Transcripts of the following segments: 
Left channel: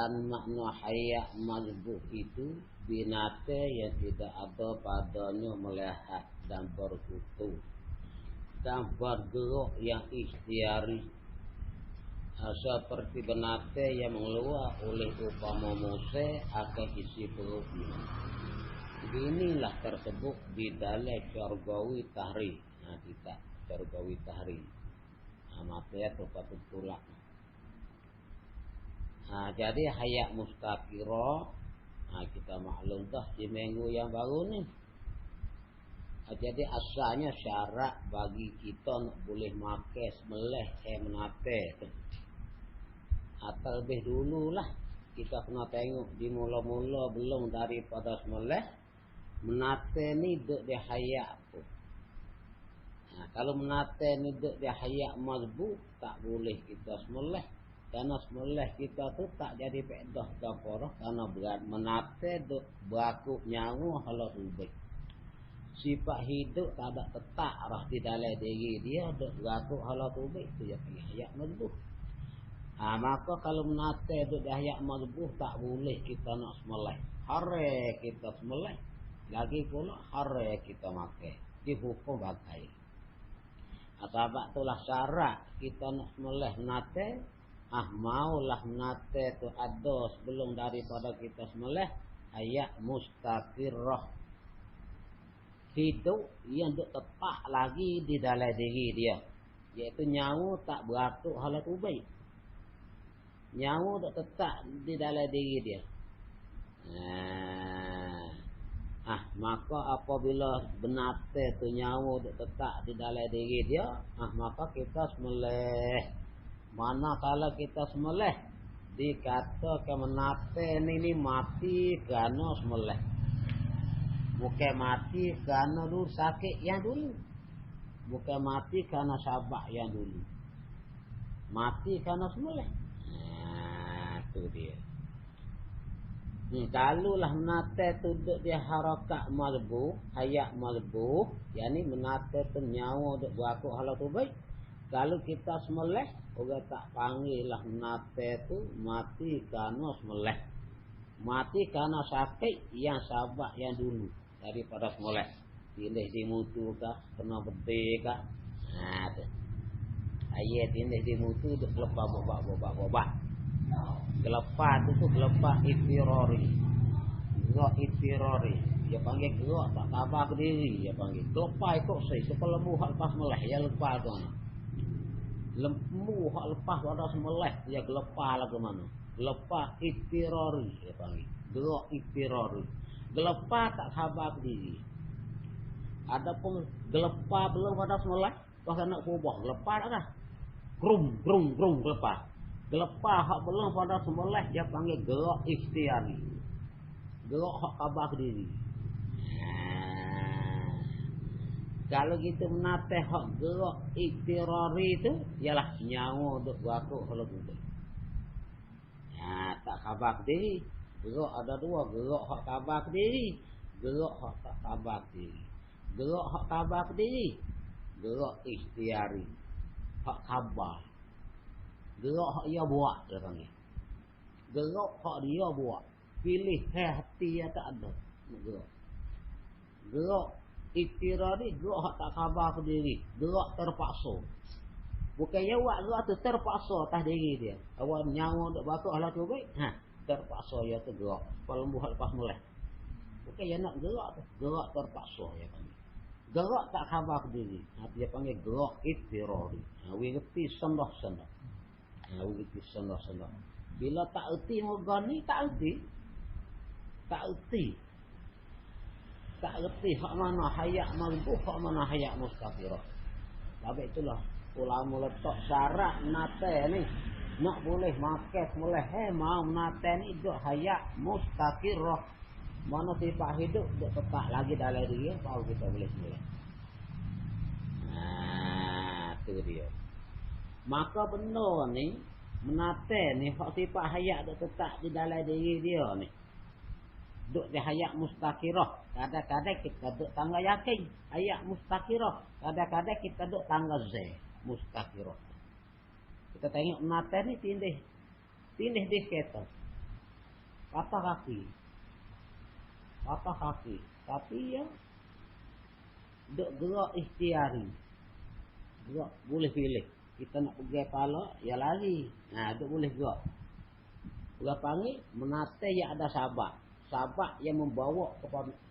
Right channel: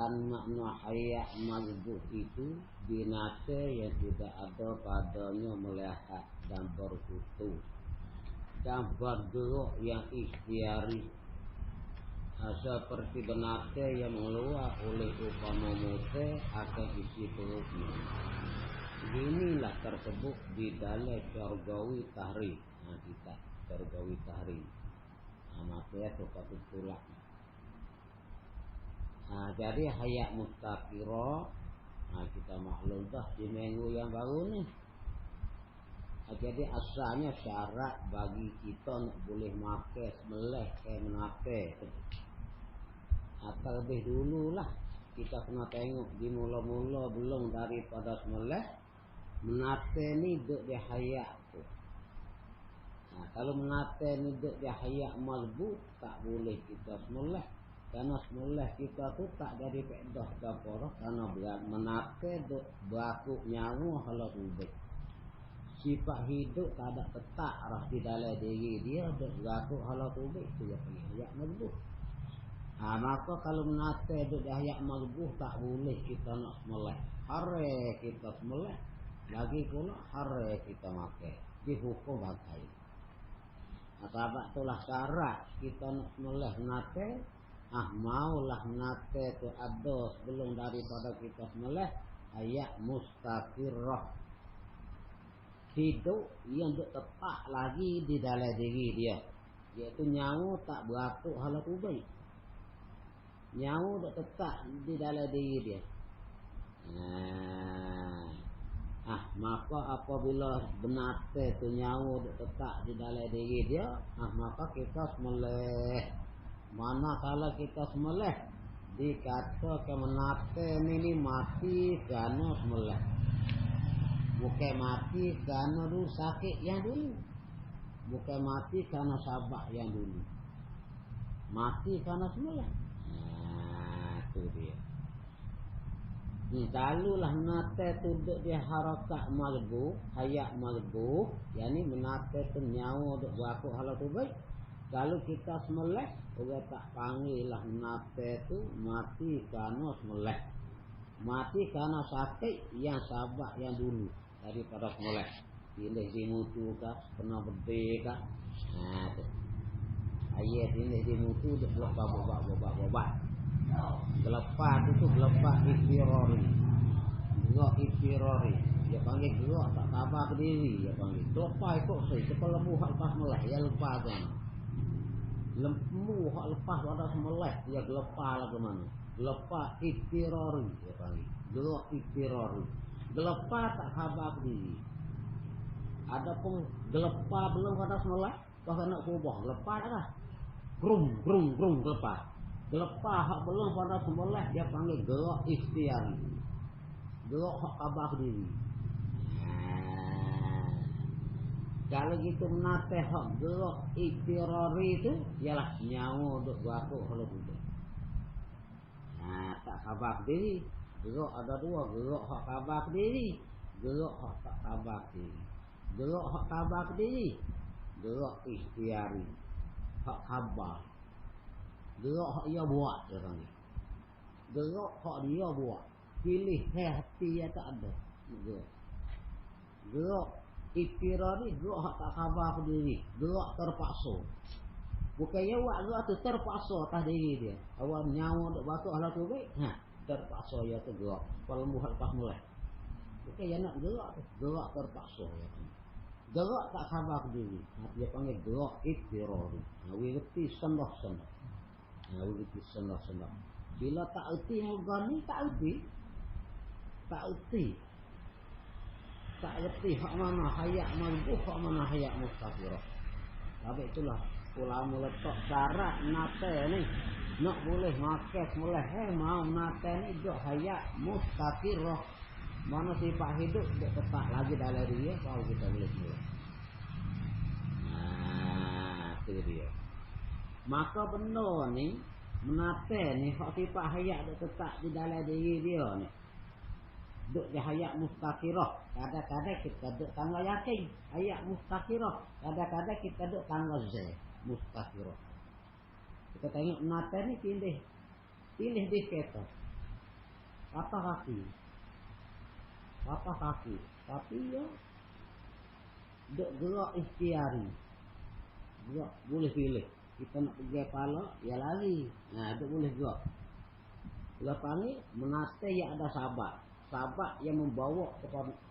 Dan makna hayat mazbut itu binatang yang tidak ada padanya melihat dan berkutu dan bergerak yang ikhtiari, seperti binatang yang mengeluar oleh upama Musa akan isi perutnya. Inilah tersebut di dalam syargawi tahrim. Kita syargawi tahrim. Matanya tetap tulang. Jadi hayat mustaqirah. Kita maklum dah di minggu yang baru ni. Jadi asalnya syarat bagi kita boleh makan semelih menate tu. Atau lebih dululah kita kena tengok di mula-mula belum daripada semelih menate ni duk di hayat tu. Kalau menate ni duk di hayat mazbut tak boleh kita semelih. Karena semelih kita tu tak jadi faedah kafarah karena berat menate duk berlaku nyawa kalau ubah. Sifat hidup tak ada tetap lah di dalam diri dia duk berlaku kalau ubah tu yang hayat mazbut. Maka kalau menate duk di hayat mazbut tak boleh kita nak semelih. Hare kita semelih. Lagi pula hare kita makan. Dihukum bagai. Sebab itulah syarat kita nak semelih menate. Maulah menate tu ada sebelum daripada kita semelih hayat mustaqirah, hidup yang tepat lagi di dalam diri dia, iaitu nyawa tak beratuk hala ubai, nyawa tak tetap di dalam diri dia. Maka apabila menate tu nyawa tak tetap di dalam diri dia, maka kita semelih. Mana kalau kita semelih dikatakan menate ni mati kerana semelih, bukan mati kerana dulu sakit yang dulu, bukan mati kerana sabak yang dulu, mati kerana semelih. Itu dia. Kalulah menate tu duduk di harakat mazbut, hayat mazbut, yakni menate tu nyawa duduk berlaku hala tu baik. Kalau kita semelih, orang tak panggil lah menate tu mati kerana semelih, mati kerana sakit yang sabak yang dulu daripada semelih. Tindih dimutu kah, kena bedih kah. Ayat tindih dimutu duk lepas bobak. Gelepah tu gelepah iftirari. Gerak iftirari. Dia panggil gerak tak sabar berdiri. Dia panggil gelepah ikut saya. Kepala lembu hak lepas semelih. Dia lepas tu. Lembu hak lepas pada semelih. Dia gelepah lah ke mana. Gelepah iftirari. Dia panggil. Gerak iftirari. Gelepah tak sabar berdiri. Adapun gelepah belum pada semelih. Pasal nak kubah. Gelepah tak dah. Grum gelepah. Gelepah hak belum pada semelih dia panggil gerak ikhtiari. Gerak hak tabah diri. Kalau gitu menate hak gerak ikhtiari itu ialah nyawa untuk berlaku kalau tu. Tak khabar diri. Gerak ada dua, gerak hak khabar diri, gerak hak tak khabar diri. Gerak hak khabar diri, gerak ikhtiari. Hak khabar. Gerak hak dia buat dia panggil. Gerak hak dia buat. Pilih hati yang tak ada. Gerak ikhtirari, gerak hak tak khabar diri. Gerak terpaksa. Bukan dia buat gerak tu terpaksa atas diri dia. Awak nyawa duk bakar lah tu baik. Terpaksa dia tu gerak. Kalau buat lepas mulai. Bukan dia nak gerak tu. Gerak terpaksa dia panggil. Gerak tak khabar diri. Dia panggil gerak ikhtirari. We reti sendah-sendah. Bila tak erti moga ni tak erti. Tak erti hak mana hayat mazbut, hak mana hayat mustaqirah. Sebab itulah ulama letak syarat menate ni nak boleh makan boleh mau menate ni duk hayat mustaqirah. Mana sifat hidup duk tetap lagi dalam diri baru kita boleh mulai. Itu dia. Maka benda ni menate ni hak sifat hayat duk tetap di dalam diri dia ni. Duk di hayat mustaqirah. Kadang-kadang kita duk tangga yakin hayat mustaqirah. Kadang-kadang kita duk tangga mustaqirah. Kita tengok menate ni tindih dikata. patah kaki, tapi ya duk gerak ikhtiari, gerak boleh pilih. Kita nak pergi pala, ya lari. Nah, duk boleh gerak. Dia panggil menate yang ada sahabat yang membawa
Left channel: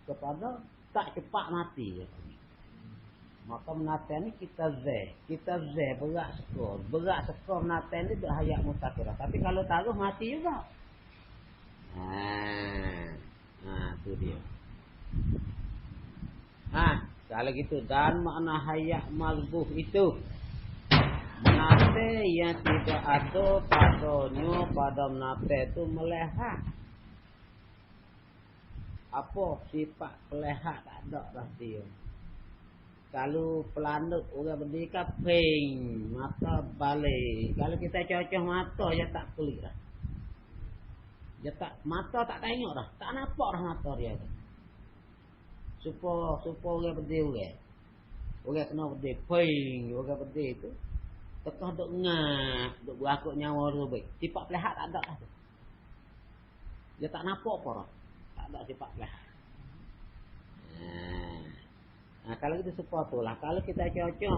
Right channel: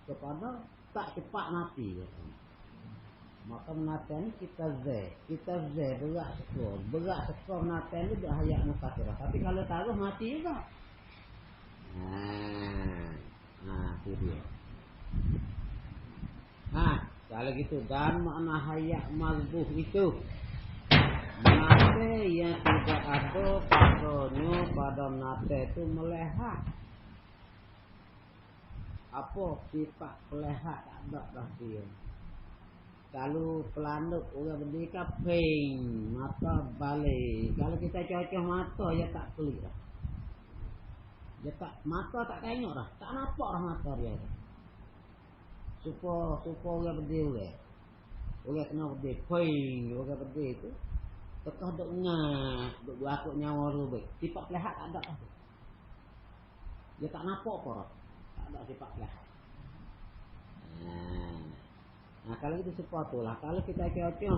kepada tak cepat mati. Maka menate ni kita berat skor menate ni dah hayat mustaqirah. Tapi kalau taruh mati juga. Tu dia. Kalau gitu dan makna hayat mazbuh itu menate yang tidak ada padanya pada menate itu melehat. Apa sifat melehat tak ada dah dia. Kalau pelanduk orang berdiri ping mata balik. Kalau kita cocok mata dia tak pelik dah. Dia tak mata tak tengok dah, tak nampak dah mata dia. Supaya orang berdiri orang kena berdiri ping orang berdiri tu tekah duk ngah duk berakuk nyawa rubik. Sifat pelehat tak ada dah. Dia tak nampak apa dah. Tak ada sifat pelehat. Kalau kita support tu lah. Kalau kita cocok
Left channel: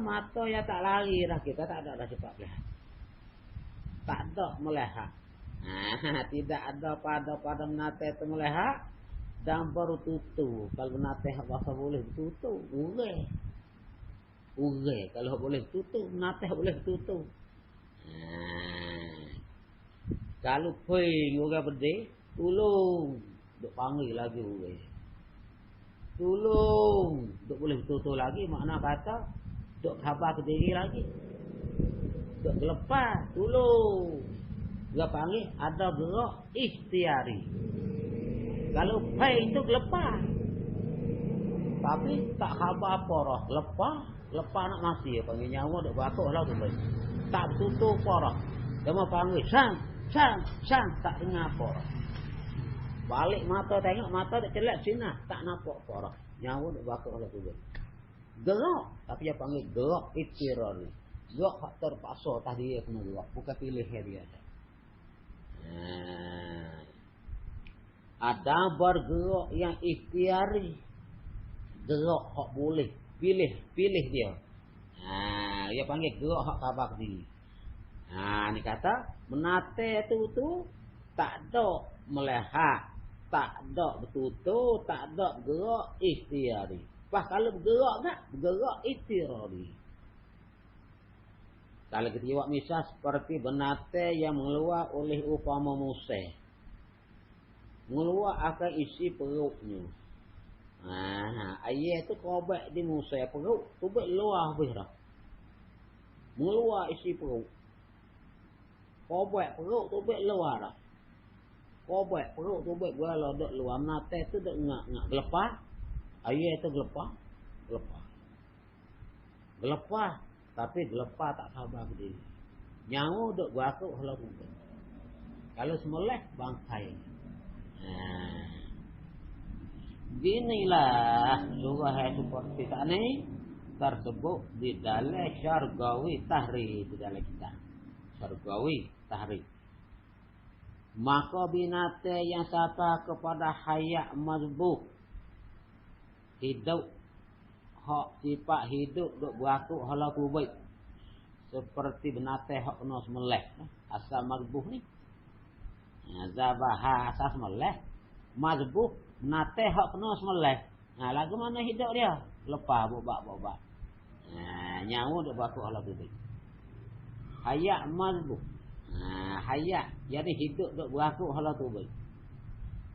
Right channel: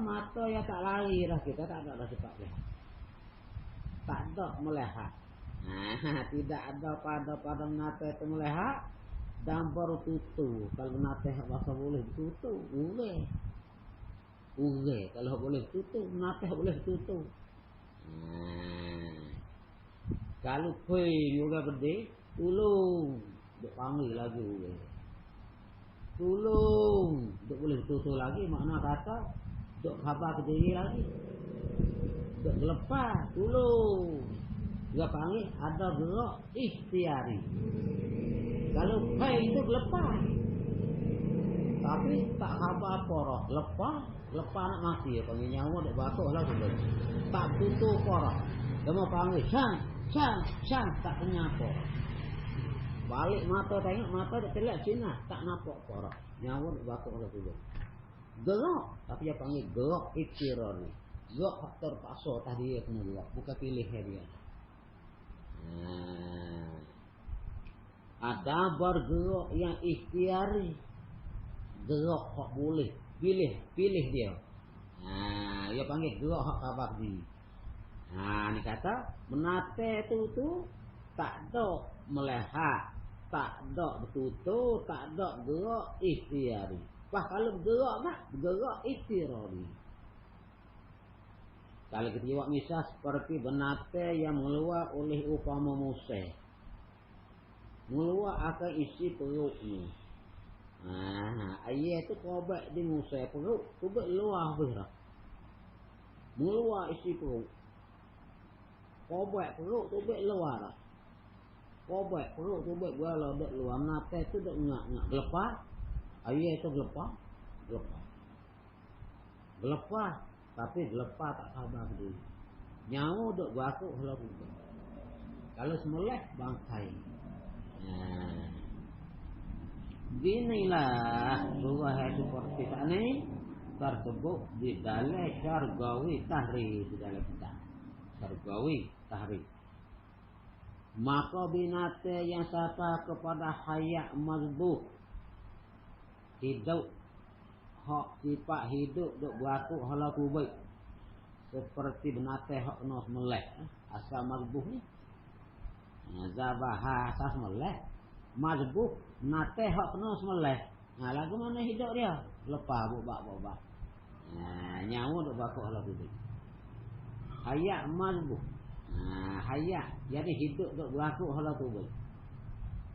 mata yang tak lari dah, kita tak ada sifat pelehat. Tak ada melehat. Tidak ada pada menate itu melehat dan baru tutup. Kalau menate bahasa boleh tutup, urai kalau boleh tutup, menate boleh tutup. Kalau ping orang berdiri, tolong dia panggil lagi urai. Tolong duk boleh tutur lagi, makna kata duk khabar ke diri lagi, duk lepas tolong dia panggil ada gerak ikhtiari. Kalau pai itu lepas tapi tak khabar apa dah, lepas nak mati panggil nyawa duk batuk lah tu tak tutur apa dah. Dia mau panggil sang tak dengar apa. Balik mata tengok, mata tak celak sini, tak nampak korok. Nyawa nak bakar lah tu. Gerak, tapi dia panggil gerak ikhtiari. Gerak hak terpaksa tadi dia kena gerak, bukan pilih dia. Ada bergerak yang ikhtiari. Gerak hak boleh, pilih dia. Dia panggil gerak hak khabar diri. Ni kata menate tu tak ada melehat, tak ada bertutur, tak ada gerak ikhtiari. Kalau bergerak tak, bergerak ikhtiari. Kalau kita jawab misal seperti benate yang mengeluar oleh upama museh, mengeluar akan isi perutnya. Ayah tu kobek di museh perut, kobek luar habis dah. Mengeluar isi perut. Kobek perut, kobek luar dah. Kobek perut, kobek gua lah duk luar. Menate tu duk ngak-ngak. Gelepah. Ayah tu gelepah. Gelepah. Tapi gelepah tak sabar dia. Nyawa duk berakuk kalau tu. Kalau semelek, bangkai. Ginilah surah yang seperti tak ni tersebut di dalam syargawi tahri di dalam kita. Syargawi tahri. Maka binatang yang sapa kepada hayat mazbuh hidup hak sifat hidup duk berakuk hala kubik seperti binatang hak kena semelek asal mazbuh ni zabah asas semelek mazbuh binatang hak kena semelek. Lagu mana hidup dia lepas bobak nyawa duk berakuk hala kubik hayat mazbuh. Hayat jadi hidup duk berakuk hala kubik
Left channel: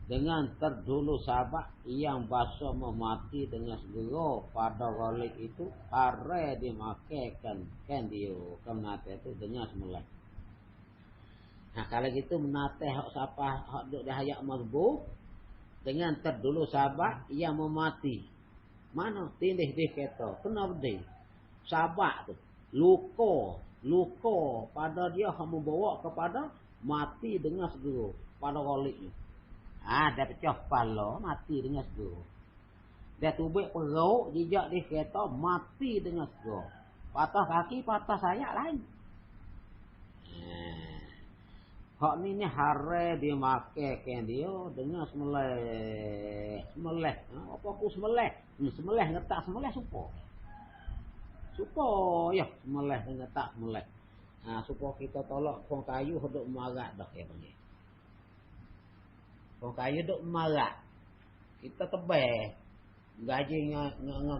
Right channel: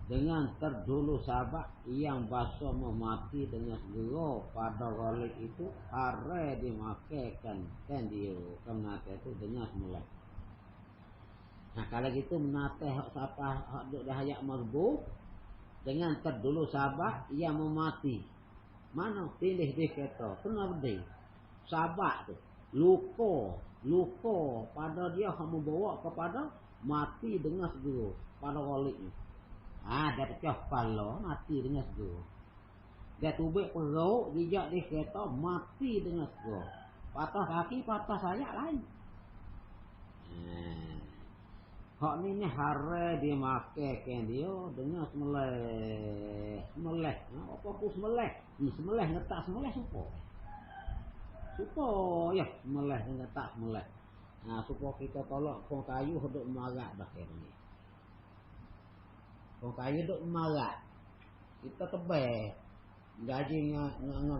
dengan terdulu sahabat yang basa memati dengan segera pada wali itu are dimakaikan kan dia kematian itu dengan semula. Kalau gitu menate hak siapa hak duk dah hayat mazbuh dengan terdulu sahabat yang memati. Mana tindih dia kata kena berdiri sahabat tu luka pada dia hak membawa kepada mati dengan segera pada wali itu. Dia pecah kepala mati dengan segera. Dia tubik perut jejak dia kereta mati dengan segera. Patah kaki patah sayap lain. Hak ni hare dia make kan dia dengan semeleh. Semeleh. Apa pun semeleh. Semeleh ngetak semeleh supo. Supo ya semeleh ngetak semeleh. Supo kita tolak kong kayu duk marat dah yang ni. Kong kayu duk marat. Kita tebeh. Gaji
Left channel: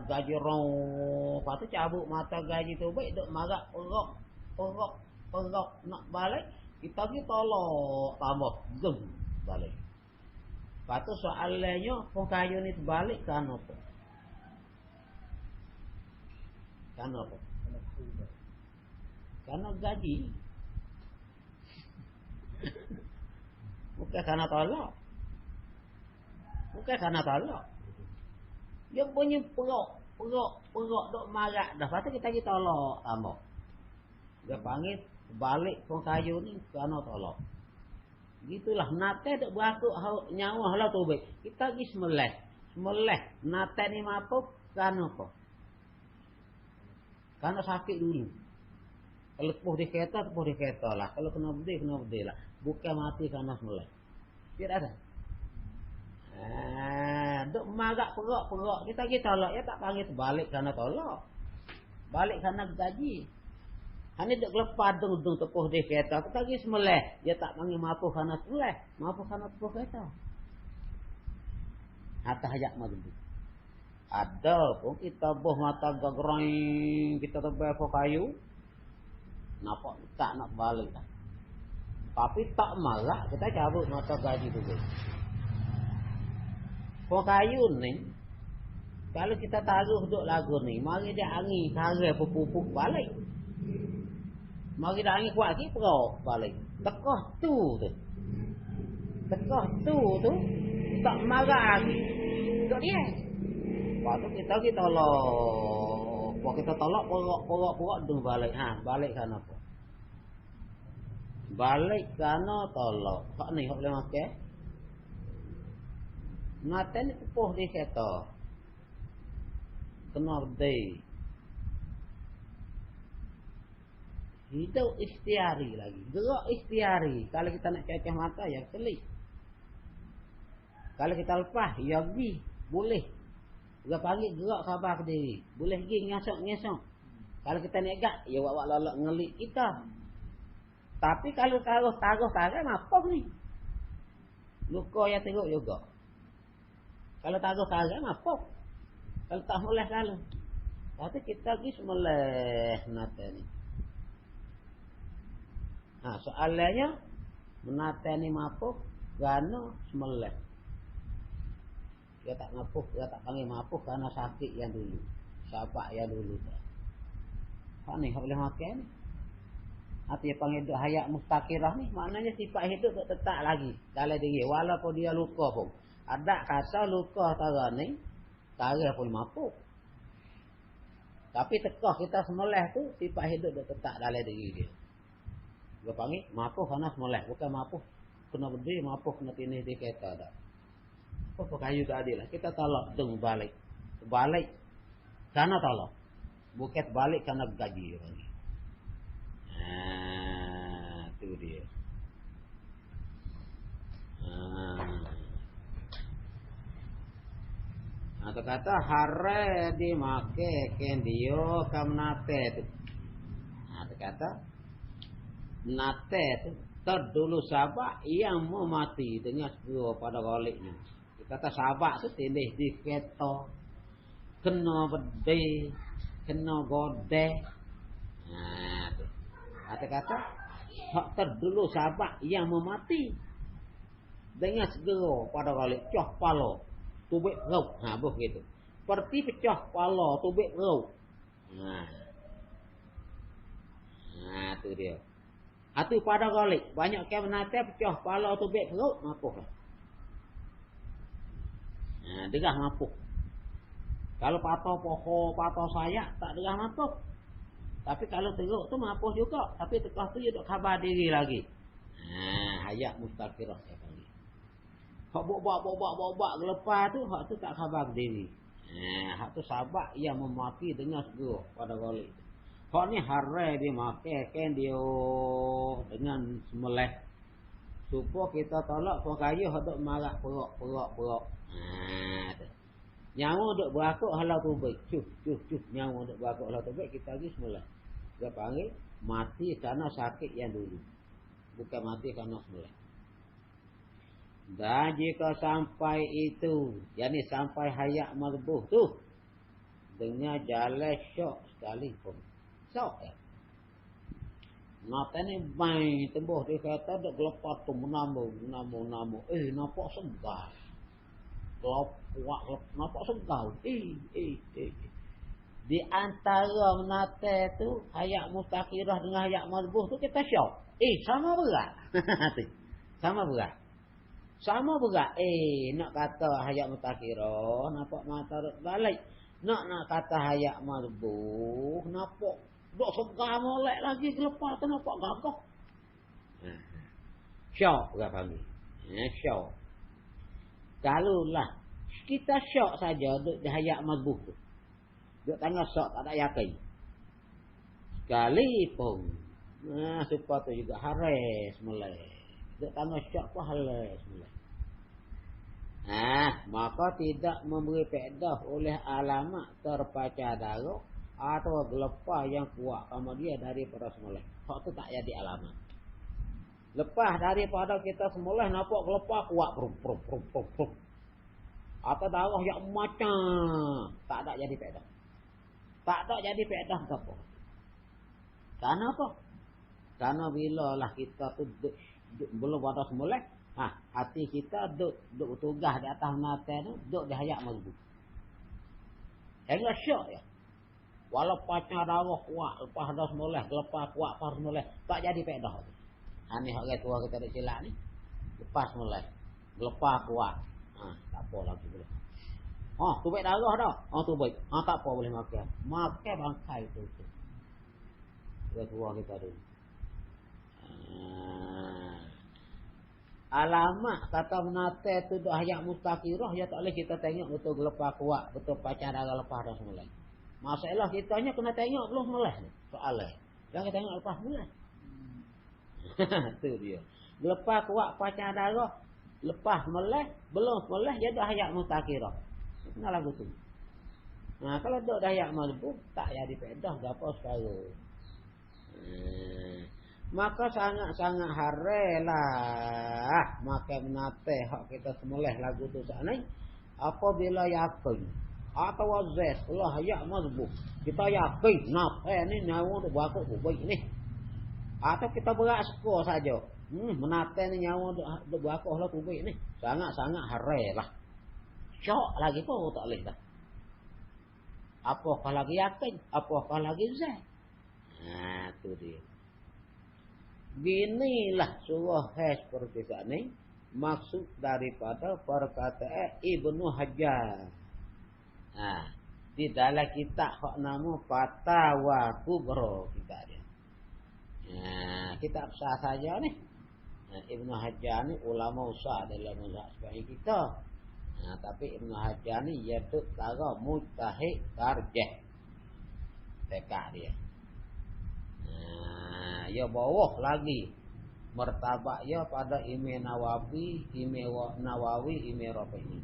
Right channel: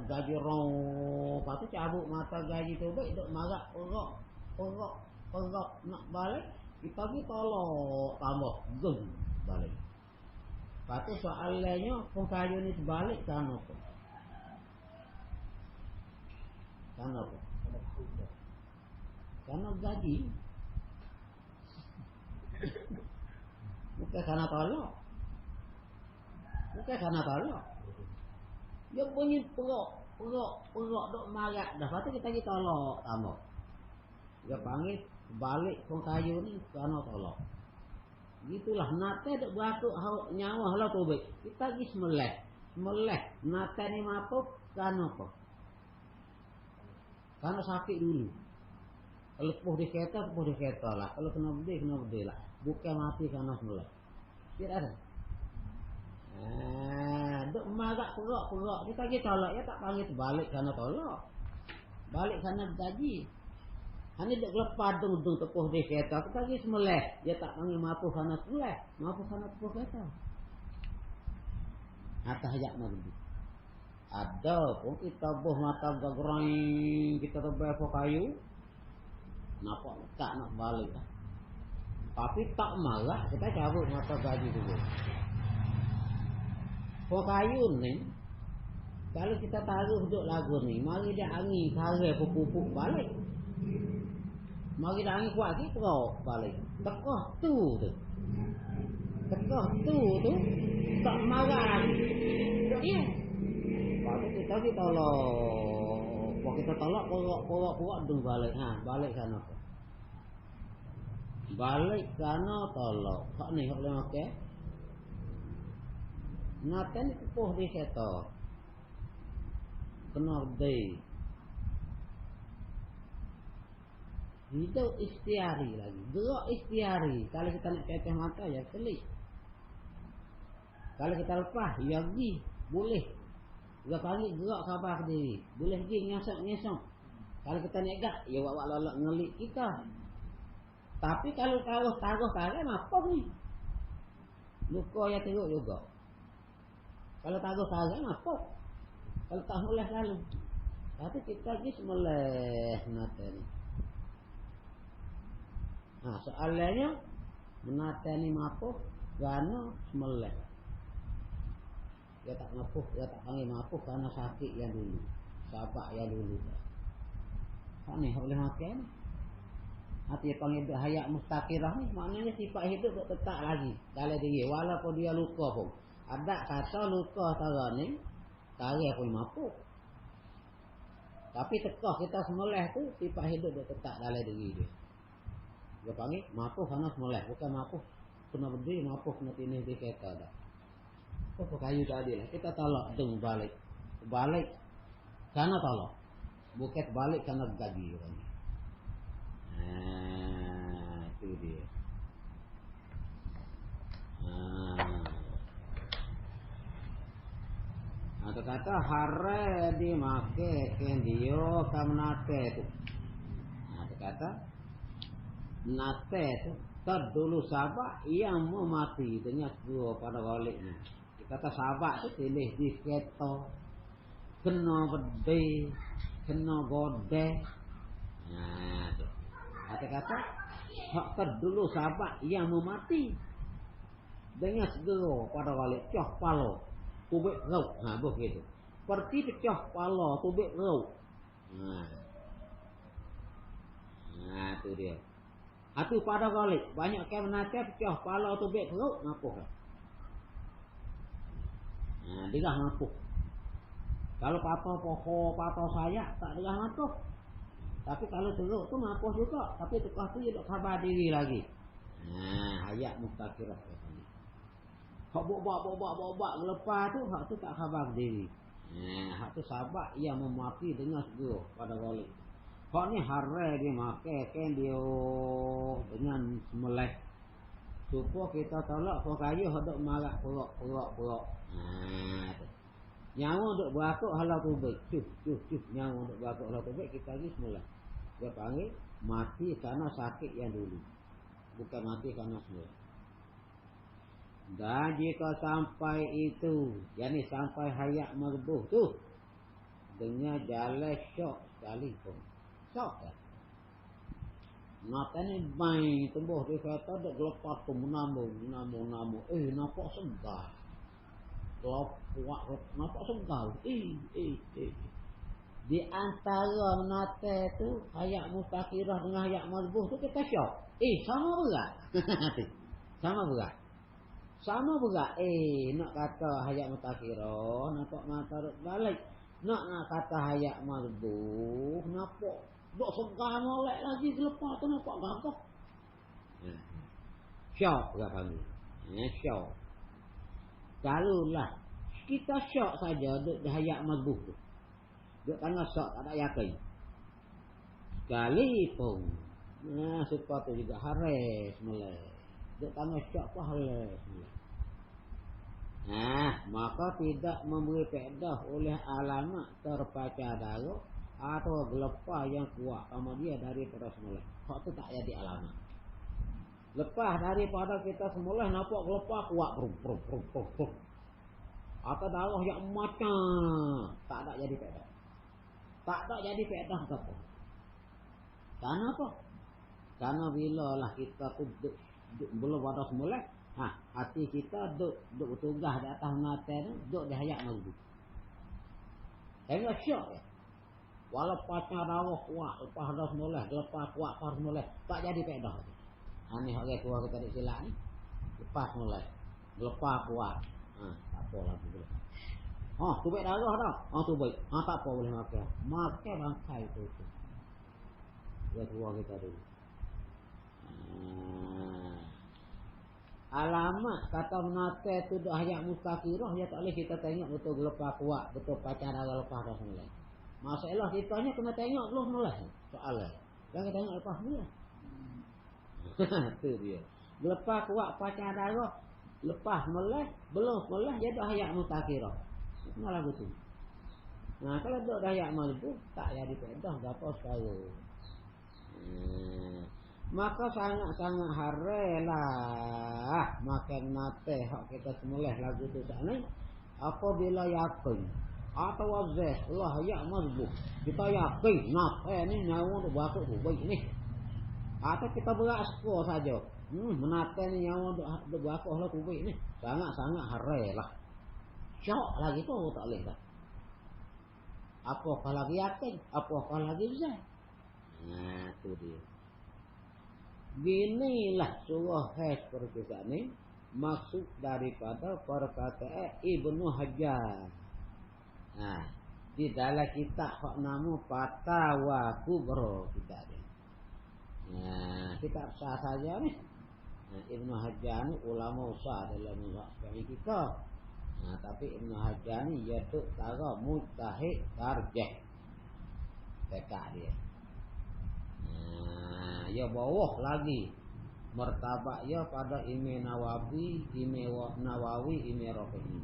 gaji rong. Lepas tu cabut mata gaji tu baik duk marat perok nak balik. Kita pergi tolak tambah zoom balik. Lepas tu soalannya kayu ni terbalik kan apa? Kan apa? Karena gaji. Bukan karena tolak. Bukan karena tolak. Dia punya perok dok marak dah. Lepas tu kita pergi tolak tambah. Dia panggil balik kayu ni kerana tolak. Gitulah nate dok beraku nyawa lah tu baik. Kita pergi semeleh. Nate ni mampu kerana apa? Kerana sakit dulu. Kalau puh di kereta lah. Kalau kena berdeh lah. Bukan mati kerana semeleh. Tidak ada. Dok marak perok. Kita pergi tolak. Ya tak panggil balik kerana tolak. Balik kerana gaji. Hanya duk lepas dung tepuh di kereta. Kita pergi semeleh. Dia tak panggil mampu kerana semeleh. Mampu kerana tepuh kereta. Atas hajat maghrib. Ada pun kita boh mata gagrain. Kita tebal ke kayu. Nampak tak nak balik. Tapi tak marah. Kita cabut mata gaji dulu. Ke kayu ni. Kalau kita taruh duk lagu ni. Mari dia angin. Taruh pupuk balik. Mari dah angin kuat lagi, perau balik. Tekah tu. Tak marah lagi. Duk dia. Waktu kita tolak. Waktu kita tolak, perok dung balik. Balik kan apa? Balik kerana tolak. Hak ni, hak boleh makan. Ngaten ni pupuh di kereta. Kena berdeh. Hidup ikhtiari lagi. Gerak ikhtiari. Kalau kita nak kekeh mata, ya kelih. Kalau kita lepas, ya pergi. Boleh. Dia panggil gerak sabar ke diri. Boleh pergi ngesok. Kalau kita negat, ya wak lolak ngelik kita. Tapi kalau taruh apa ni? Luka yang teruk juga. Kalau taruh apa? Kalau tak boleh lalu. Tapi kita pergi semeleh menata ni. Soalannya menata ni mampu kerana semeleh. Dia tak mampu, dia tak panggil mampu kerana sakit yang dulu. Sahabat yang dulu. Hak ni, hak boleh makan. Hati dia panggil hayat mustaqirah ni. Maknanya sifat hidup tak tetap lagi dalam diri. Walaupun dia luka pun. Ada kata luka tara ni. Tara pun mampu. Tapi tekah kita semeleh tu. Sifat hidup tak tetap dalam diri dia. Dia panggil mampu kerana semeleh. Bukan mampu kena berdiri. Mampu kena tinis di kereta dah. Apa kayu tadi lah. Kita tolak dung balik. Balik kerana tolak. Bukan balik kerana gaji. Itu dia. Atau kata hare dimake kendio kamnate tu. Atau kata nate tu terdulu sahabat yang mau mati dengan dua pada balik ni. Kata sahabat tu tindih di kereta, kena berdeh, kena godeh. Kata-kata hak terdulu sahabat yang memati dengan segera pada balik pecah kepala tubik rau. Begitu. Seperti pecah kepala tubik rau. Tu dia. Itu pada balik banyak yang menata pecah kepala tubik rau mampu lah. Degah mampu. Kalau patah pokok, patah sayak tak degah mampu. Tapi kalau teruk tu mampu juga. Tapi tekah tu dia duk khabar diri lagi. Hayat mustaqirah. Hak bobak lepas tu, hak tu tak khabar diri. Hak tu sahabat yang memaki dengan segera pada balik. Hak ni harai dia makan dia dengan semeleh. Supaya kita tolak pekayuh duk marak perok. Nyawa duk berakuk halau tubik. Cuh. Nyawa duk berakuk halau tubik, kita lagi semula. Dia panggil mati karena sakit yang dulu. Bukan mati karena semula. Dan jika sampai itu, yakni sampai hayat marbuh tu, dengan jalan syok sekalipun. Syok ya. Mata ni baik tembus dia kata dak gelepas tu menambung. Nampak segar. Nampak segar. Di antara menate tu hayat mustakirah dengan hayat marbuh tu kita syok. Sama berat. Sama berat. Nak kata hayat mustakirah nampak mata balik. Nak kata hayat marbuh nampak dok segar molek lagi lepas tu nampak gampang. Syok lah kami. Syok. Kalaulah kita syok saja duk di hayat marbuh tu. Duk tengah syok tak ada yakin. Sekalipun supaya tu juga haris mulai. Duk tengah syok pun haris mulai. Maka tidak memberi faedah oleh alamat terpecah darah atau gelepah yang kuat sama dia daripada semula. Hak tu tak jadi alamat. Lepas daripada kita semula nampak gelepah kuat pruk. Atau darah yang macam tak ada jadi faedah. Tak ada jadi faedah apa. Karena apa? Karena bila lah kita tu belum pada semula, hati kita duk tugas di atas mata tu, duk di hayat marbuh. Hingga syok ya. Walau pacar darah kuat, lepas dah semula, lepas kuat pas semula, tak jadi faedah. Ni orang tua kita tak silap ni. Lepas semula, lepas kuat. Tak apa lagi boleh. Tu baik darah dah. Tu baik. Tak apa boleh makan. Makan bangkai tu. Orang tua kita dulu. Alamat kata menate tu dah hayat mustakirah, ya tak boleh kita tengok betul lepas kuat, betul pacar darah lepas dah semula. Masalah kitanya kena tengok lu mulai soalnya. Jangan tengok lepas mulai. Tu dia. Lepas kuat pacar darah, lepas mulai, belum mulai dia dah hayat mustakirah. Kena lagu tu. Kalau duk dah hayat marbuh, tak jadi faedah gapo sekarang. Maka sangat-sangat harelah makan nate hak kita semulai lagu tu sana. Apabila yakin atau wazes Allah hayat marbuh, kita yakin ni nyawa tu bakal baik ni. Atau kita berasko saja. Menate ni nyawa tu bakal lah baik ni. Sangat-sangat harelah. Syok lagi pun tak boleh dah. Apakah lagi yakin, apakah lagi zah. Tu dia. Ginilah surah seperti ini maksud daripada perkataan Ibnu Hajar. Di dalam kitab hak nama Fatawa Kubra kita ni. Kitab sah saja ni. Ibnu Hajar ni ulama besar dalam mazhab Syafi'i kita. Tapi Ibnu Hajar ni ia tu cara mujtahid tarjih. Tekah dia. Ia bawah lagi martabat ia pada Imam Nawawi, Imam Rafi'i.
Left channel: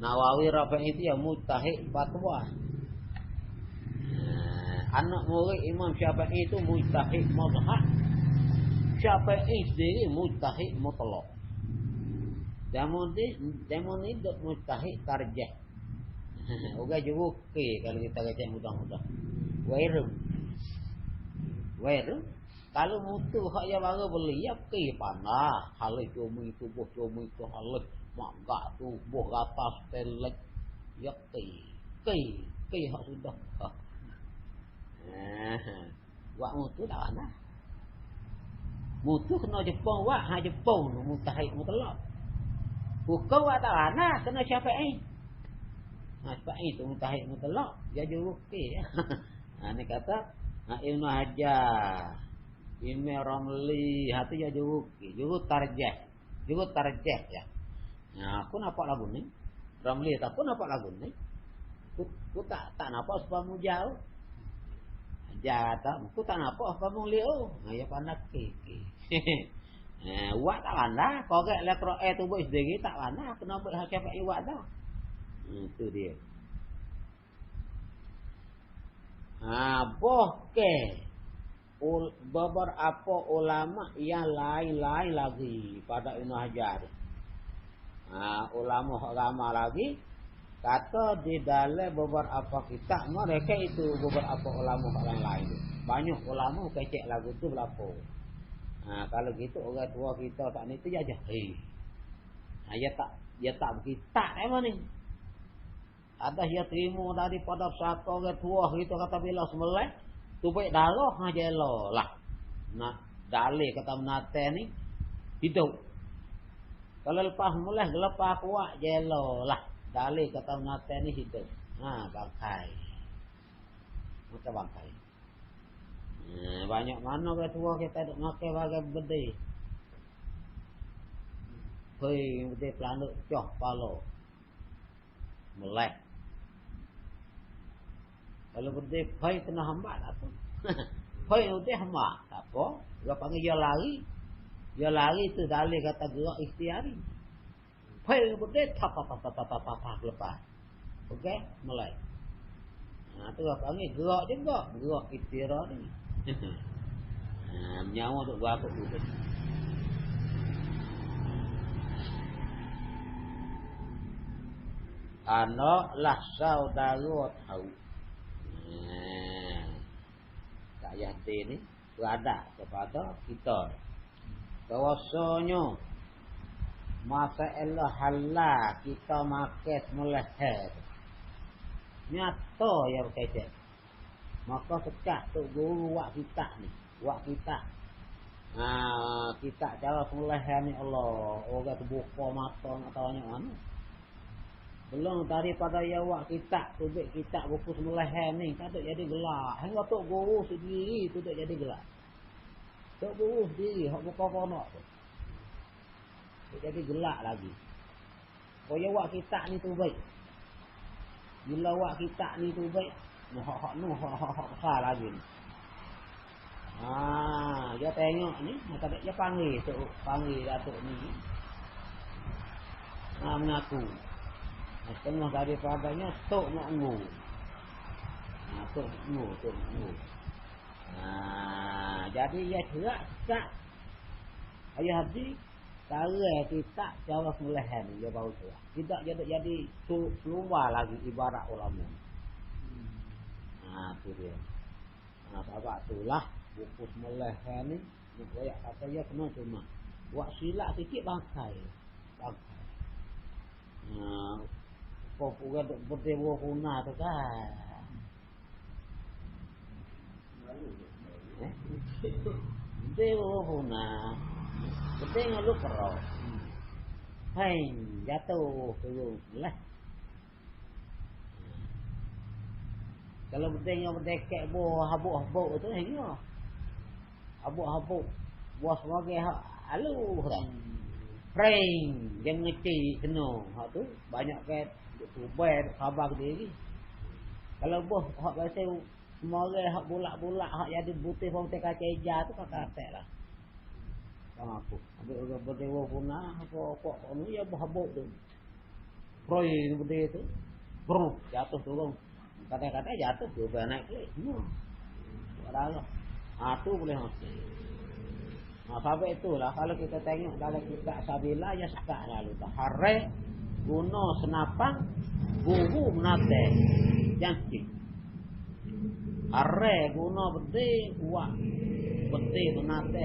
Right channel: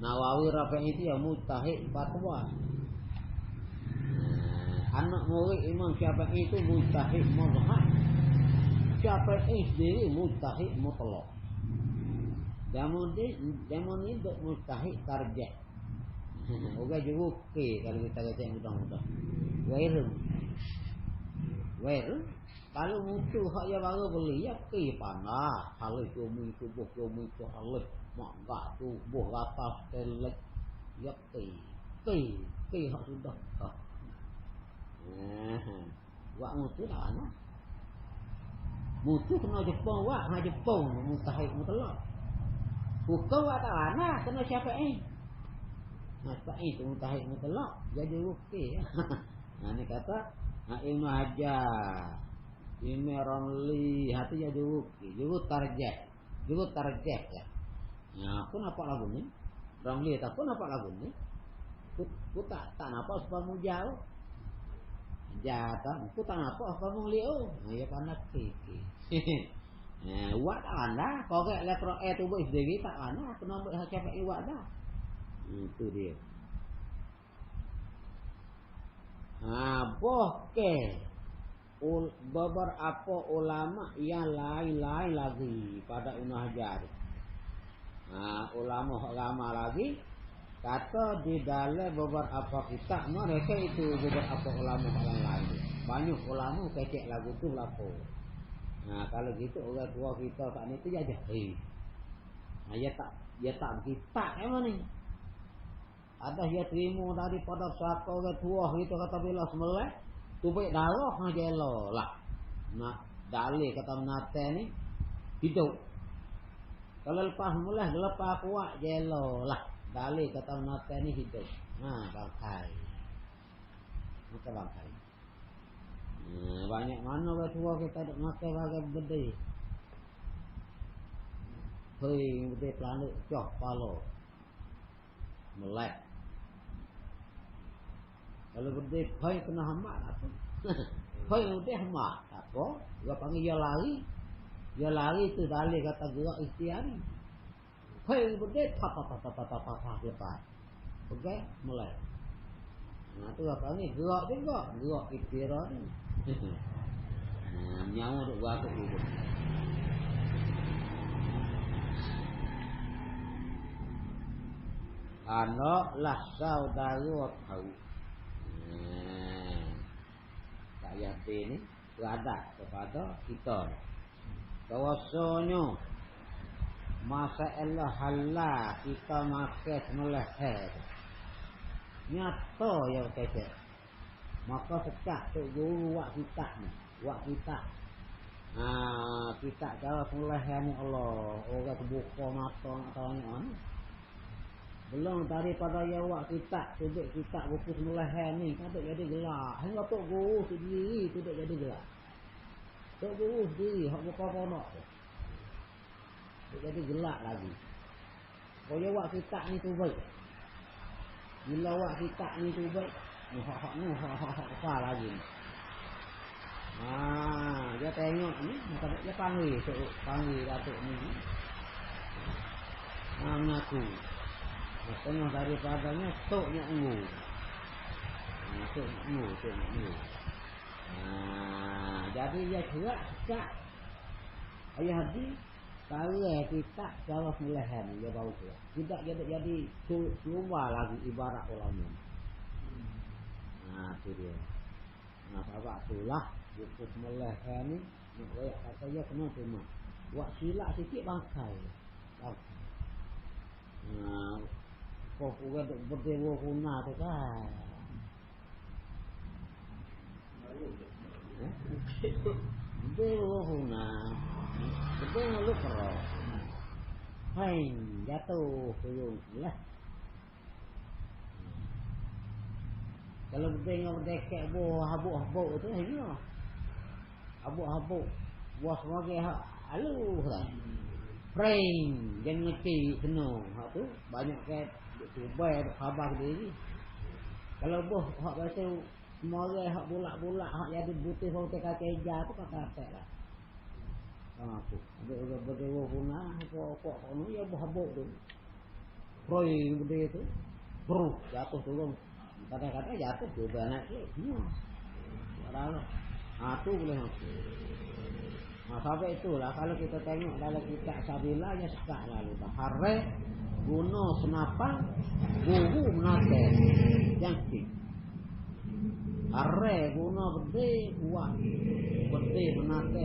Nawawi Rafi'i itu yang mujtahid fatwa. Anak murid Imam Syafi'i itu mujtahid mazhab. Syafi'i sendiri mujtahid mutlaq. Zaman ni duk mujtahid tarjih. Orang juru kalau kita kata mudah-mudah. Well, kalau mutu hak yang baru beli ya pandai. Hal itu tubuh hal mak gak tubuh atas telek. Ya hak sudah. Buat mutu dah lah. Mutu kena Jepang Jepang mutahid mutlak. Bukan buat tak lana kena Syafi'i. Syafi'i tu mutahid mutlak. Dia juru ya. Ni kata Ibnu Hajar, Imam Ramli, hati ya juru tarjih ya. Aku nampak lagu ni. Ramli tak pun nampak lagu ni. Aku tak nampak sebab mujal. Jatuh, aku tak nampak sebab mulia. Ya panak kiki. Uat tak kena, korek lah Quran tu buat sendiri tak kena, kena buat hak Syafi'i uat dah. Itu dia. Boleh beberapa ulama yang lain-lain lagi pada Ibn Hajar. Ulama lagi kata di dalam beberapa kitab mereka itu beberapa ulama yang lain. Banyak ulama kecek lagu tu berlaku. Kalau gitu orang tua kita tak ni tu je jahil. Dia tak berkitab memang ni. Ada dia terima daripada satu orang tua kita kata bila sembelih tu baik darah aja lah. Nak dalil kata menate ni hidup. Kalau lepas mulai lepas kuat jelo lah. Dalil kata menate ni hidup. Bangkai. Kita bangkai. Banyak mana orang tua kita duk makan bagai gede. Hei, gede pelanuk cok palo. Melek. Kalau gede hei kena hamba tak tu. Hei gede hamba. Tak apa. Dia panggil dia lari. Dia lari tu dalil kata gerak ikhtiari. Hei gede tak lepas. Okey, mulai. Tu dia panggil gerak juga. Gerak ikhtiari. Menyawa duk buat tu. Anak lah saudara tahu. Tak yakin ni berada kepada kita. Rasanya masalah halal kita makan sembelih nyata yang kecil. Maka sekak tu guru wak kita ni. Wak kita. Kita cara sembelih ni Allah. Orang terbuka mata tanya mana. Belum daripada ya wak kita subik kita buku sembelih ni kan tak jadi gelak. Hang tok guru sendiri tu tak jadi gelak. Tok guru sendiri hak buka konak tu. Tak jadi gelak lagi. Kau ya wak kita ni tu baik. Bila wak kita ni tu baik, hak besar lagi. Dia tengok ni, dia panggil datuk ni. Mengaku. Setengah daripadanya tok makmu. Tok makmu. Jadi dia cerak. Ayah hadi cara kita cara sembelihan dia baru tu. Tidak jadi keluar lagi ibarat orang ni. Tu dia. Sebab itulah buku sembelihan ni dia apa dia kena terima. Buat silap sikit bangkai. Kau juga berdewa guna tu kan. Berdewa guna. Berdewa lupa kau. Hai, jatuh tuyul lah. Kalau berdewa berdekek buah habuk-habuk tu ni dia. Habuk-habuk buah sebagai alu lah. Rain, jangan ngerti senang. Hak tu banyak kan cuba khabar diri. Kalau boh hak rasa semua orang hak bulak-bulak hak jadi putih putih kaca tu kata lah. Aku berdewa guna kok ni ya habuk tu. Rain gede tu. Bro, jatuh turun. Kadang-kadang jatuh juga naik lagi. Orang tu boleh masuk. Sampai itulah kalau kita tengok dalam kitab Sabila ya sekak lalu Harre guna senapang guru menate jantik. Harre guna berde buat berde menate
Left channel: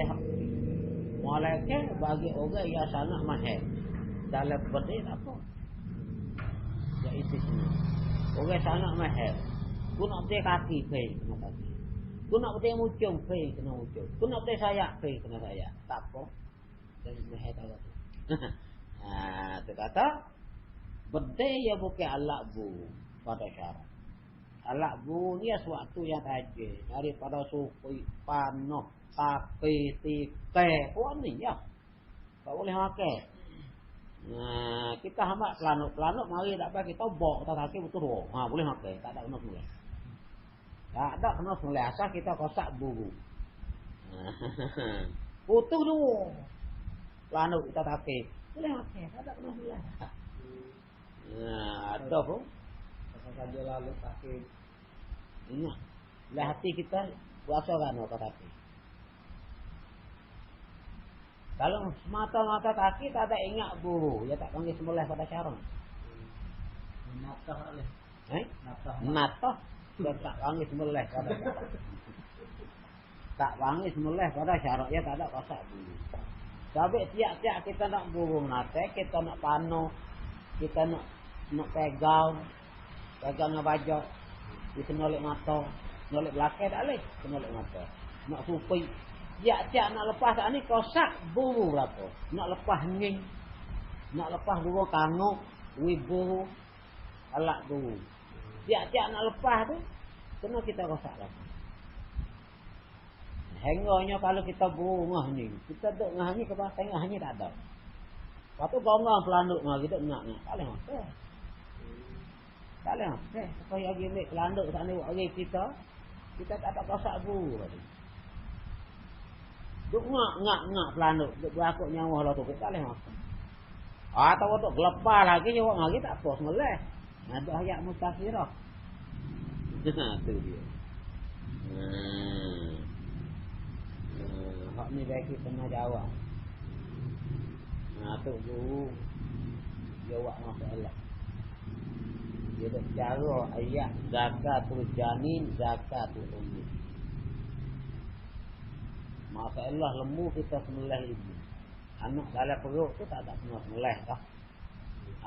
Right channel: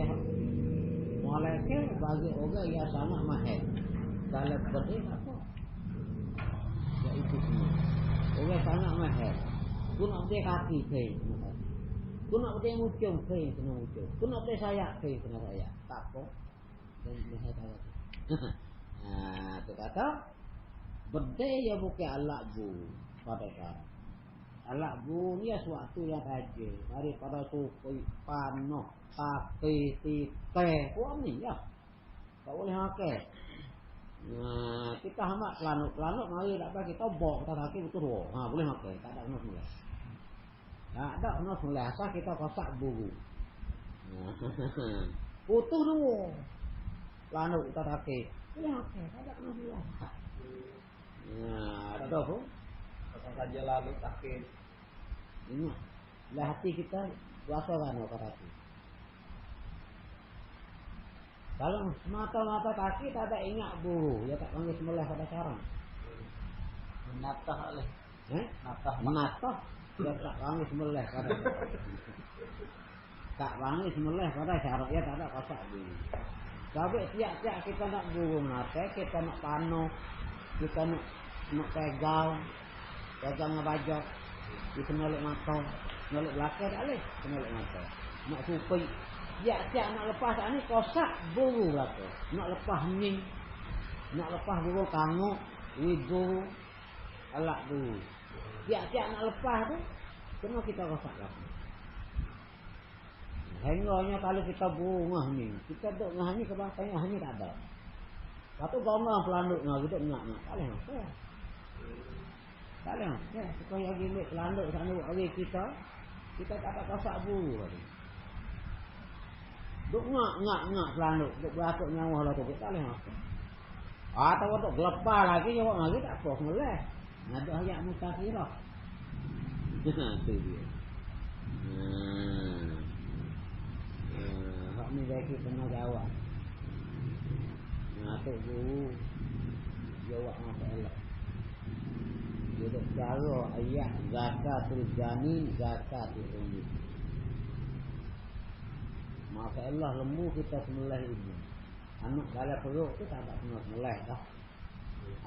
malaikat bagi orang yang sangat mahir dalam berde apa ya itu semua orang sangat mahir guna berde kaki baik. Ku nak berdeng ucung ke kena ucung. Ku nak berdeng sayak ke kena sayak. Tak apa. Leher tahu. Tu kata berdeng ya bukan alat bu pada syarat. Alat bu ni sesuatu yang tajam daripada suku panah, tapi tikai. Ni ya. Tak boleh makan. Kita hamak pelanuk mari tak bagi tobok tak kaki betul. Boleh makan. Tak ada kena semula. Tak ada kena semula asal kita kosak buru. Putus dulu. lanuk kita take. Boleh okey, tak ada kena bilang. Nah, ada pun Kata saja lalu take. ini lah hati kita kuasa kan kata take. Kalau semata-mata kaki tak ada ingat guru, ya tak panggil semulai pada syarang. Natah lah. Natah, ya tak panggil semulai pada. Tak panggil semulai pada syarang, ya tak ada kasak guru. Sebab tiap-tiap kita nak guru nate, kita nak panu, kita nak pegang dengan bajak, kita nolak mata, nolak belakang tak boleh, nolak mata, nak kupi. Tiap-tiap nak lepas tak ni kosak buru apa? Nak lepas ni, nak lepas buru kanguk, wibu, alak buru. Tiap-tiap nak lepas tu, semua kita kosak lah. Hengahnya kalau kita buru ngah ni, kita duduk ngah ni ke bawah tengah ni tak ada. Lepas tu gomong pelanduk ngah, kita nak tak boleh masuk. Tak boleh masuk. Supaya lagi ambil pelanduk sana orang kita tak ada kosak buru lagi. Duk ngak pelanduk, duk berakuk nyawa lah tu, tak boleh masuk. Atau duk gelepar lagi, jawab lagi tak apa, semulai. Duk ayat mustaqirah. Tu dia. Hak ni baik kita kena jawab. Tu guru jawab masalah. Dia duk cara ayat zakatul janin, zakatul ummi. Masalah lembu kita sembelih ibu. Anak dalam perut tu tak ada kena sembelih dah.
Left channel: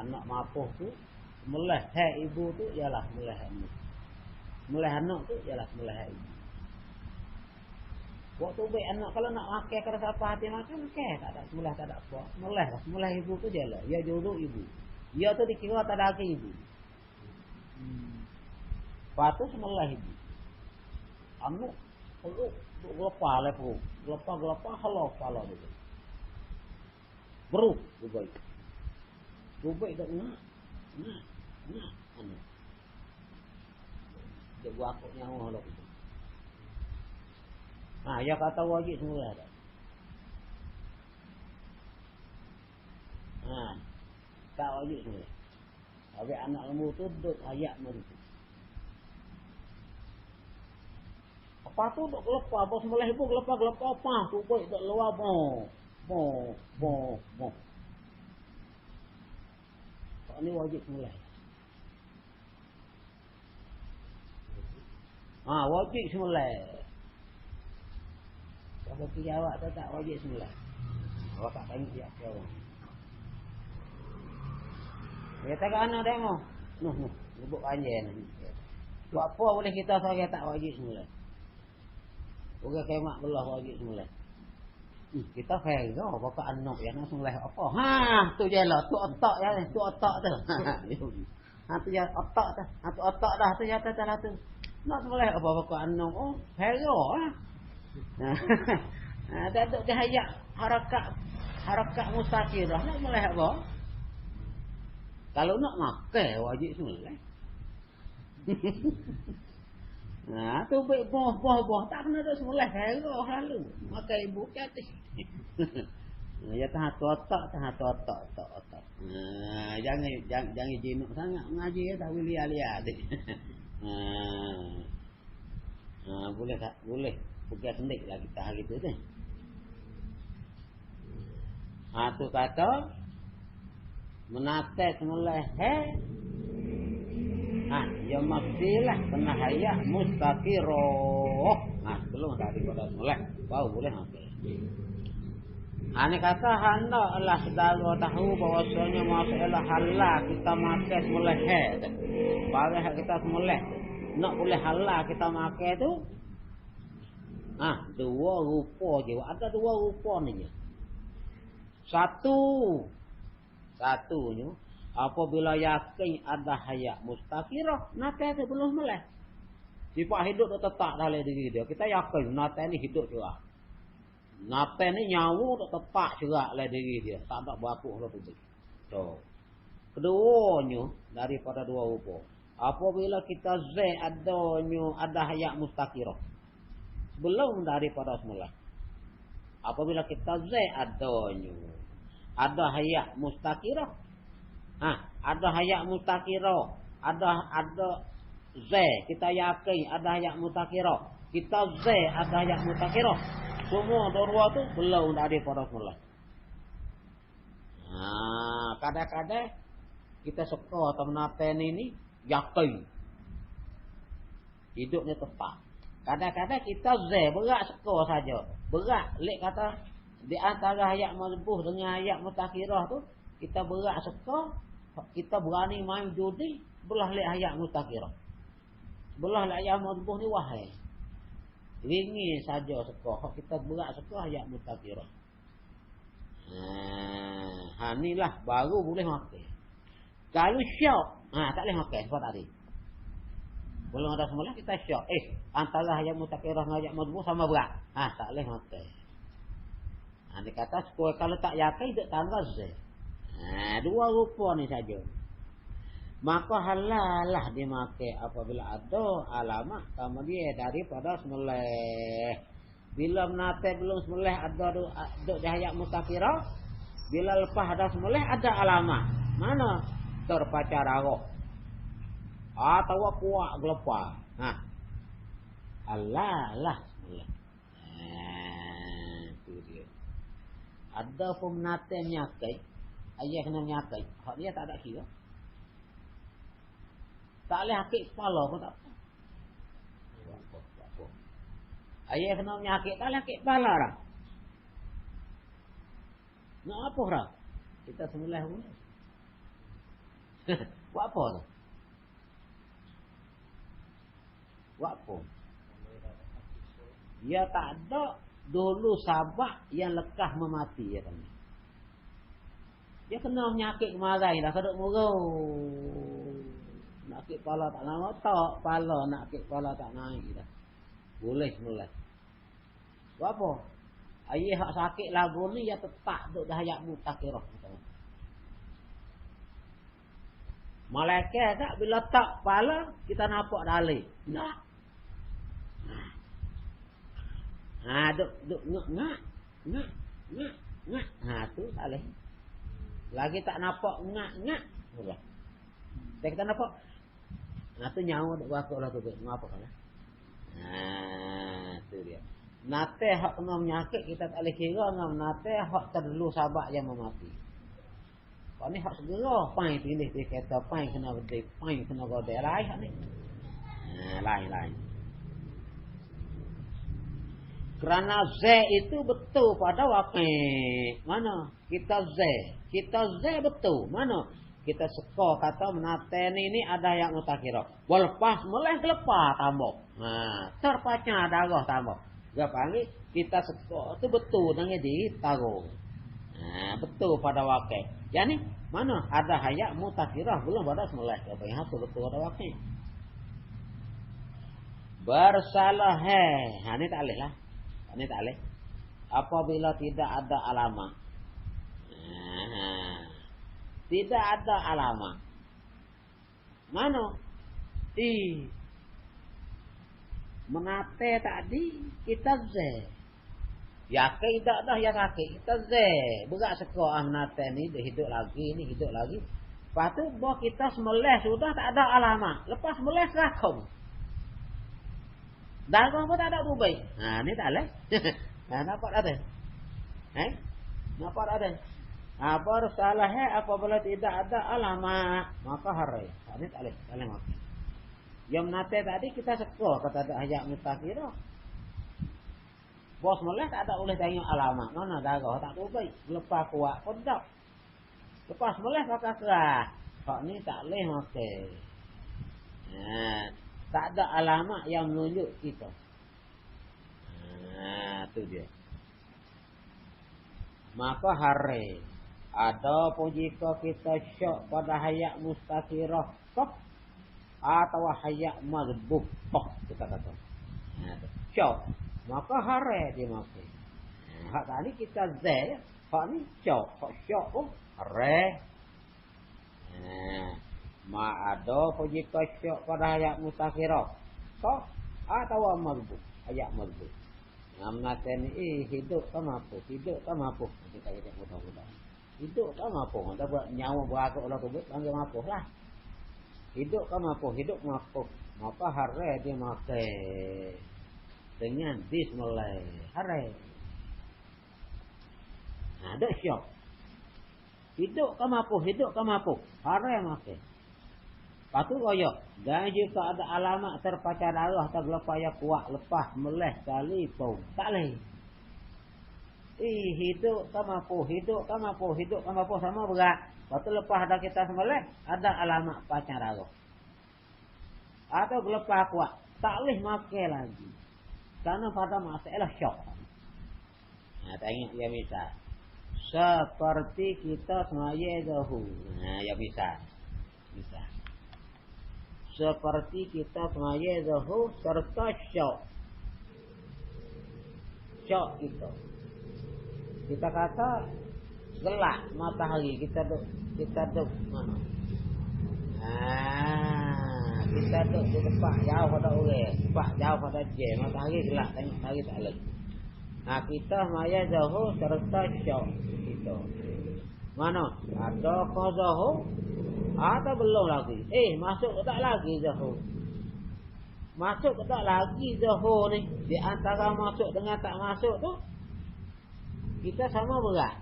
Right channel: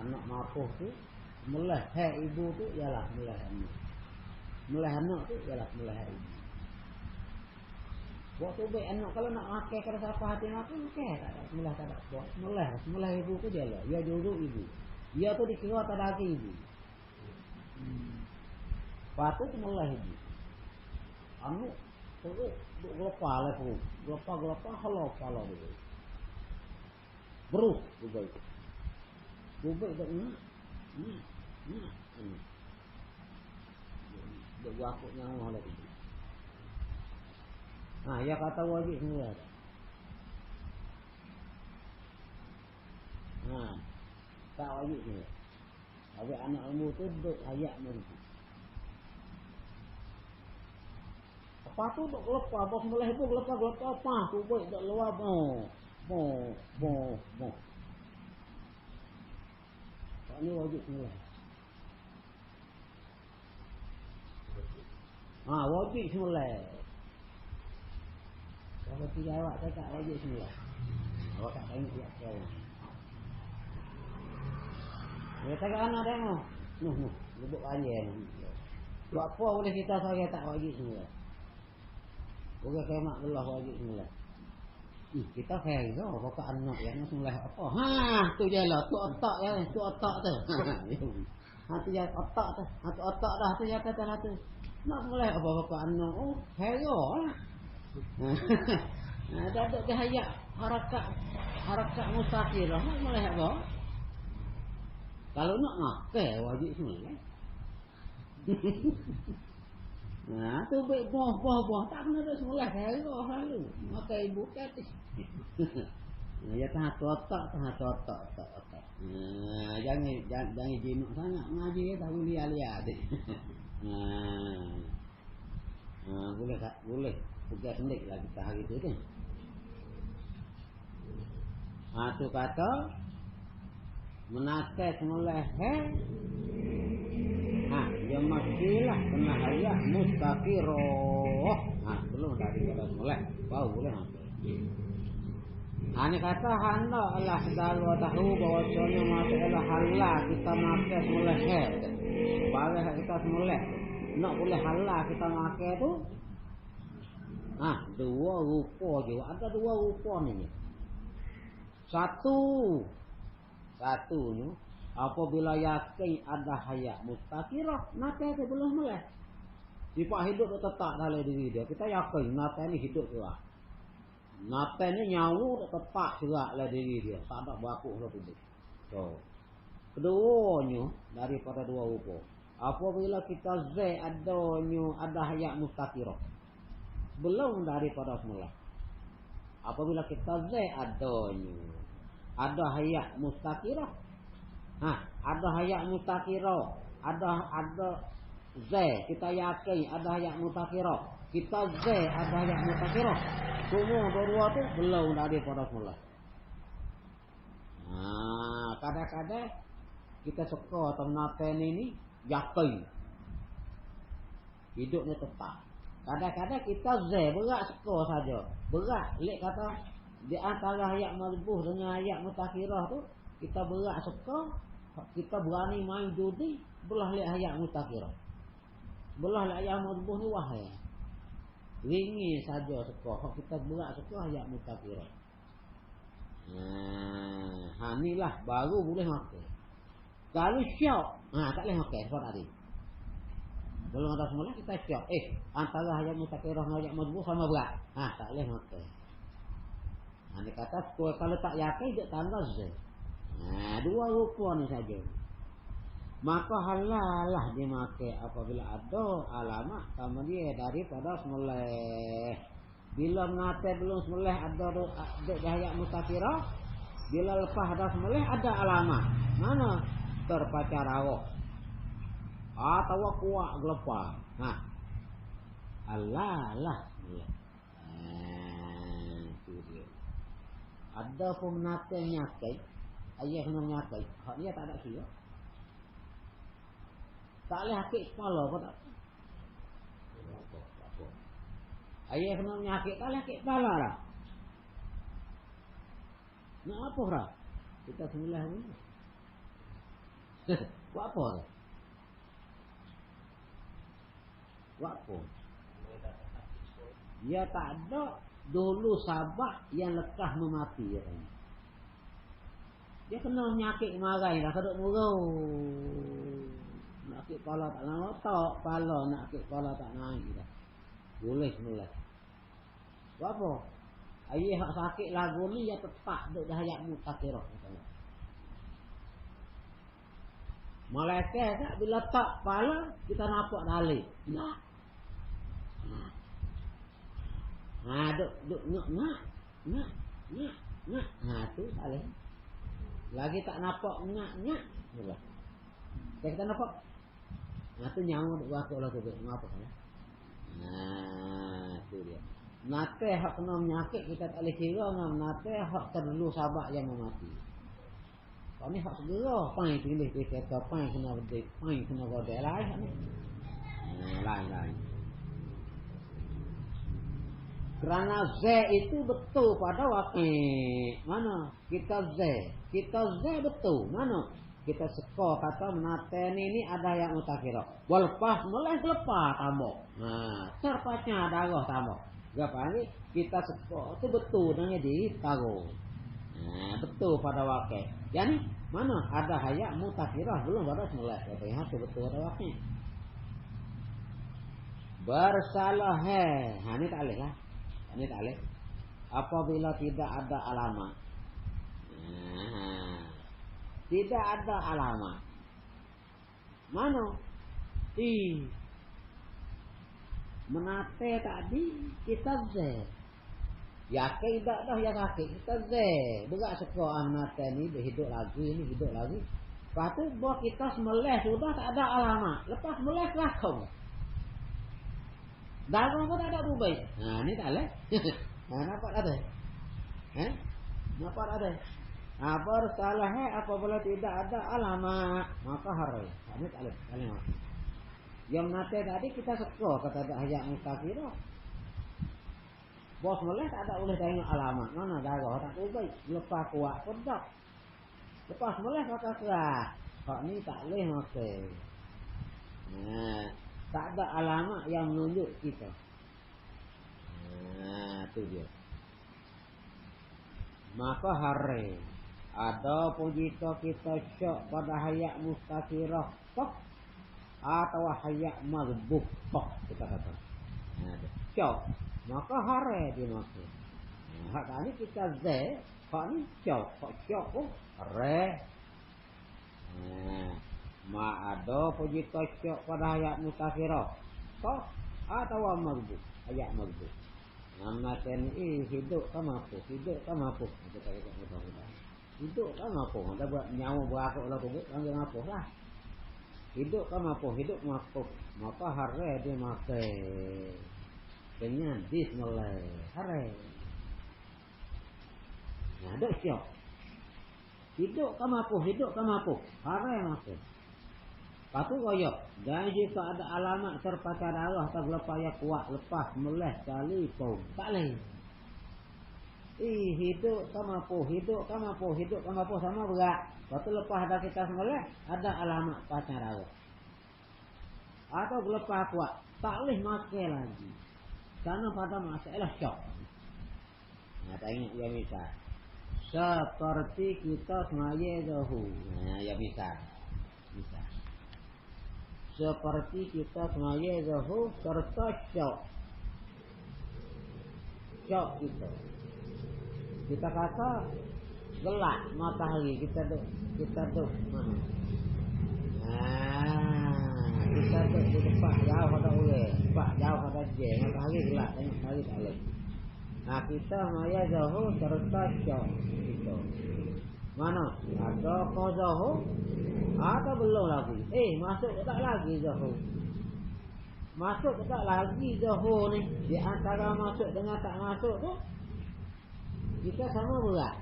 Anak mapuh tu sembelih hai ibu tu ialah sembelih anak. Sembelih anak tu ialah sembelih ibu. Waktu baik anak kalau nak makan kalau siapa hati makan okey, tak ada sembelih tak ada apa. Sembelih ibu tu je lah. Dia juruk ibu. Dia tu dikira tak ada ibu. Patu sembelih ibu. Anak perut duk gelapar lah perut. Gelapar halau kepala dia. Beruk juga itu. Dubik tak nak. Dia buat aku nyawa lah itu. Ya kata wajib semula. Tak wajib semula. Habis anak lembu tu duduk ayat nanti. Apa tu duduk gelapar. Bos mulai itu gelapar apa. Dubik duduk luar bo. Tak ni wajib semula. Wajib semula. Kalau jawab tu tak wajib semula. Awak tak tengok dia apa. Dia tengok anak tengok. Ibu panjang. Buat apa boleh kita sebagai tak wajib semula. Bukan kemak belah wajib semula. Kita fair ke bapak anak yang semula apa. Tu je lah. Tu otak ya ni. Tu otak tu. Tu je otak tu. Tu otak dah. Tu jatuh tu lah tu. Nak semula apa bapak anak. Fair ke lah. Tak ada kehayak harakat mustaqirah. Nak semula apa. Kalau nak makan wajib semula. Tu baik boh. Tak kena dah semula. Herah lalu. Makan ibu ke atas. Ya tahan tu otak. Jangan jinuk sangat mengaji ya. Tak boleh lihat. Boleh tak? Boleh. Bukan sendik lah kita hari tu kan. Tu kata menatai semula ya mestilah pernah hayat mustaqirah. Belum daripada semula baru boleh makan. Ini kata hendaklah saudara tahu bahawasanya masalah halal kita makan semula baru kita semula nak boleh halal kita makan tu dua rupa je. Ada dua rupa ni. Satunya apabila yakin ada hayat mustaqirah, nate tu belum mulai. Sifat hidup tu tetap dalam diri dia. Kita yakin nate ni hidup juga. Nate ni nyawa tu tetap juga dalam diri dia. Sampai berlaku tu. Keduanya daripada dua rupa. Apabila kita ada hayat mustaqirah, belum daripada semula. Apabila kita adanya ada hayat mustaqirah. Ada hayat mustaqirah, ada z, kita yakin ada hayat mustaqirah. Kita z ada hayat mustaqirah. Semua dua tu belum ada pada semula. Kadang-kadang kita suka ternaten ini yakin hidupnya tepat. Kadang-kadang kita z berat suka saja. Berat lek kata di antara ayat mazbuh dengan ayat mutakhirah tu kita berat suka, kita berani main judi belah lek ayat mutakhirah. Belah lek ayat mazbuh ni wahai. Ringi saja suka. Kita berat suka ayat mutakhirah. Inilah baru boleh makan. Kalau syak, tak boleh makan sebab tadi. Belum ada semula kita syak. Antara hayat mutakhirah dengan hayat mazbuh sama berat. Tak boleh makan. Dia kata kalau tak yakin duk tanggal je. Dua rupa ni saja. Maka halal lah dimakan apabila ada alamat kemudian daripada semula. Bila menate belum semula ada duk di hayat mutakhirah. Bila lepas ada semula ada alamat. Mana? Terpacar arah. Atau kuat gelepar. Allah lah. Itu dia. Ada pun menate menyakit. Ayah kena menyakit. Hak dia tak ada kira. Tak boleh hakik kepala pun tak. Ayah kena menyakit. Tak boleh hakik kepala dah. Nak apa dah? Kita semula ni. Buat apa dah? Buat apa? Dia tak ada dulu sabak yang lekas memati. Dia kena menyakit marai dah. Keduk murau. Nak sakit kepala tak nak tak. Kepala nak sakit kepala tak naik dah. Boleh semula. Buat apa? Ayah hak sakit lagu ni dia tetap duduk dah hayat mutakhirah. Malaikat tak bila tak kepala kita nampak dalil. Tak. Duk ngak. Tu tak boleh. Lagi tak nampak ngak. Boleh. Kita nampak. Tu nyawa duk berapa lah tu. Ngapa kan? Tu dia. Nate hak kena menyakit kita tak boleh kira dengan nate hak terlalu sabak yang memati. Kau ni hak segera pai pilih dia kata pai kena berdek, pai kena berdek lain ni. Lain. Kerana Z itu betul pada wakil. Mana? Kita Z betul. Mana? Kita suka kata menaten ini ada yang mutakhirah. Walepas mulai lepas tambah. Terpacah darah tambah. Gapali kita suka itu betul dengan ditaruh. Betul pada wakil. Yang ni mana? Ada hayat mutakhirah belum pada mulai. Apa yang betul pada wakil. Bersalah ini tak boleh lah. Ini tak boleh. Apabila tidak ada alamat. Tidak ada alamat. Mana? Menate tadi kita Z. Yakin tak dah yang yakin kita Z. Berat sekolah menate ni dia hidup lagi. Lepas tu bahawa kita semelih sudah tak ada alamat. Lepas semelih kerakong. Darah pun tak ada berubah. Ni tak boleh. Nampak tak ada? Nampak tak ada? Bersalah apabila tidak ada alamat. Maka haram. Ni tak boleh. Tak boleh mati. Yang nate tadi kita suka kata ada hayat mutakhirah. Bos mulai tak ada boleh tengok alamat. Mana darah tak berubah. Lepas kuat pun tak. Lepas mulai pakai kerah. Hak ni tak boleh mati. Tak ada alamat yang menunjuk kita. Tu dia. Maka hari ada pun jika kita syok pada hayat mustaqirah atau hayat mazbuh kita kata. Syok. Maka hari dia mati. Hak tadi kita Z, hak ni syok. Hak syok pun hari. Ada pun jika syok pada hayat mustaqirah atau mazbuh. Hayat mazbuh. Namanya ni hidup tak mampu. Kita kata mudah-mudah. Hidup kan mampu. Dapat nyawa berakuk lah kubut, ambil mampu lah. Hidup kan mampu, hidup mampu. Maka hari dia makan dengan bismillah. Hari. Nah, ada syok. Hidup kan mampu, hidup kan mampu. Hari makan. Patu koyok. Dan jika ada alamat terpacar darah tak lepaya kuat lepas meleh kali pun. Tak leh. Hidup kan mampu, hidup kan mampu, hidup kan mampu sama berat. Waktu lepas dah kita sembelih, ada alamat pacar darah. Atau lepas kuat, tak boleh makan lagi. Karena pada masalah syok. Nah, tengok ya misal. Seperti kita semaya dahulu. Nah, ya misal. Misal. Seperti kita semaya dahulu serta syok. Syok kita. Kita kata gelap matahari kita duk kita di tempat jauh pada orang, tempat jauh pada jam matahari gelap tengok hari tak leh. Nah kita maya jauh serta syok kita. Mana? Ada kau jauh? Ada belum lagi? Masuk ke tak lagi jauh? Masuk ke tak lagi jauh ni? Di antara masuk dengan tak masuk tu kita sama berat.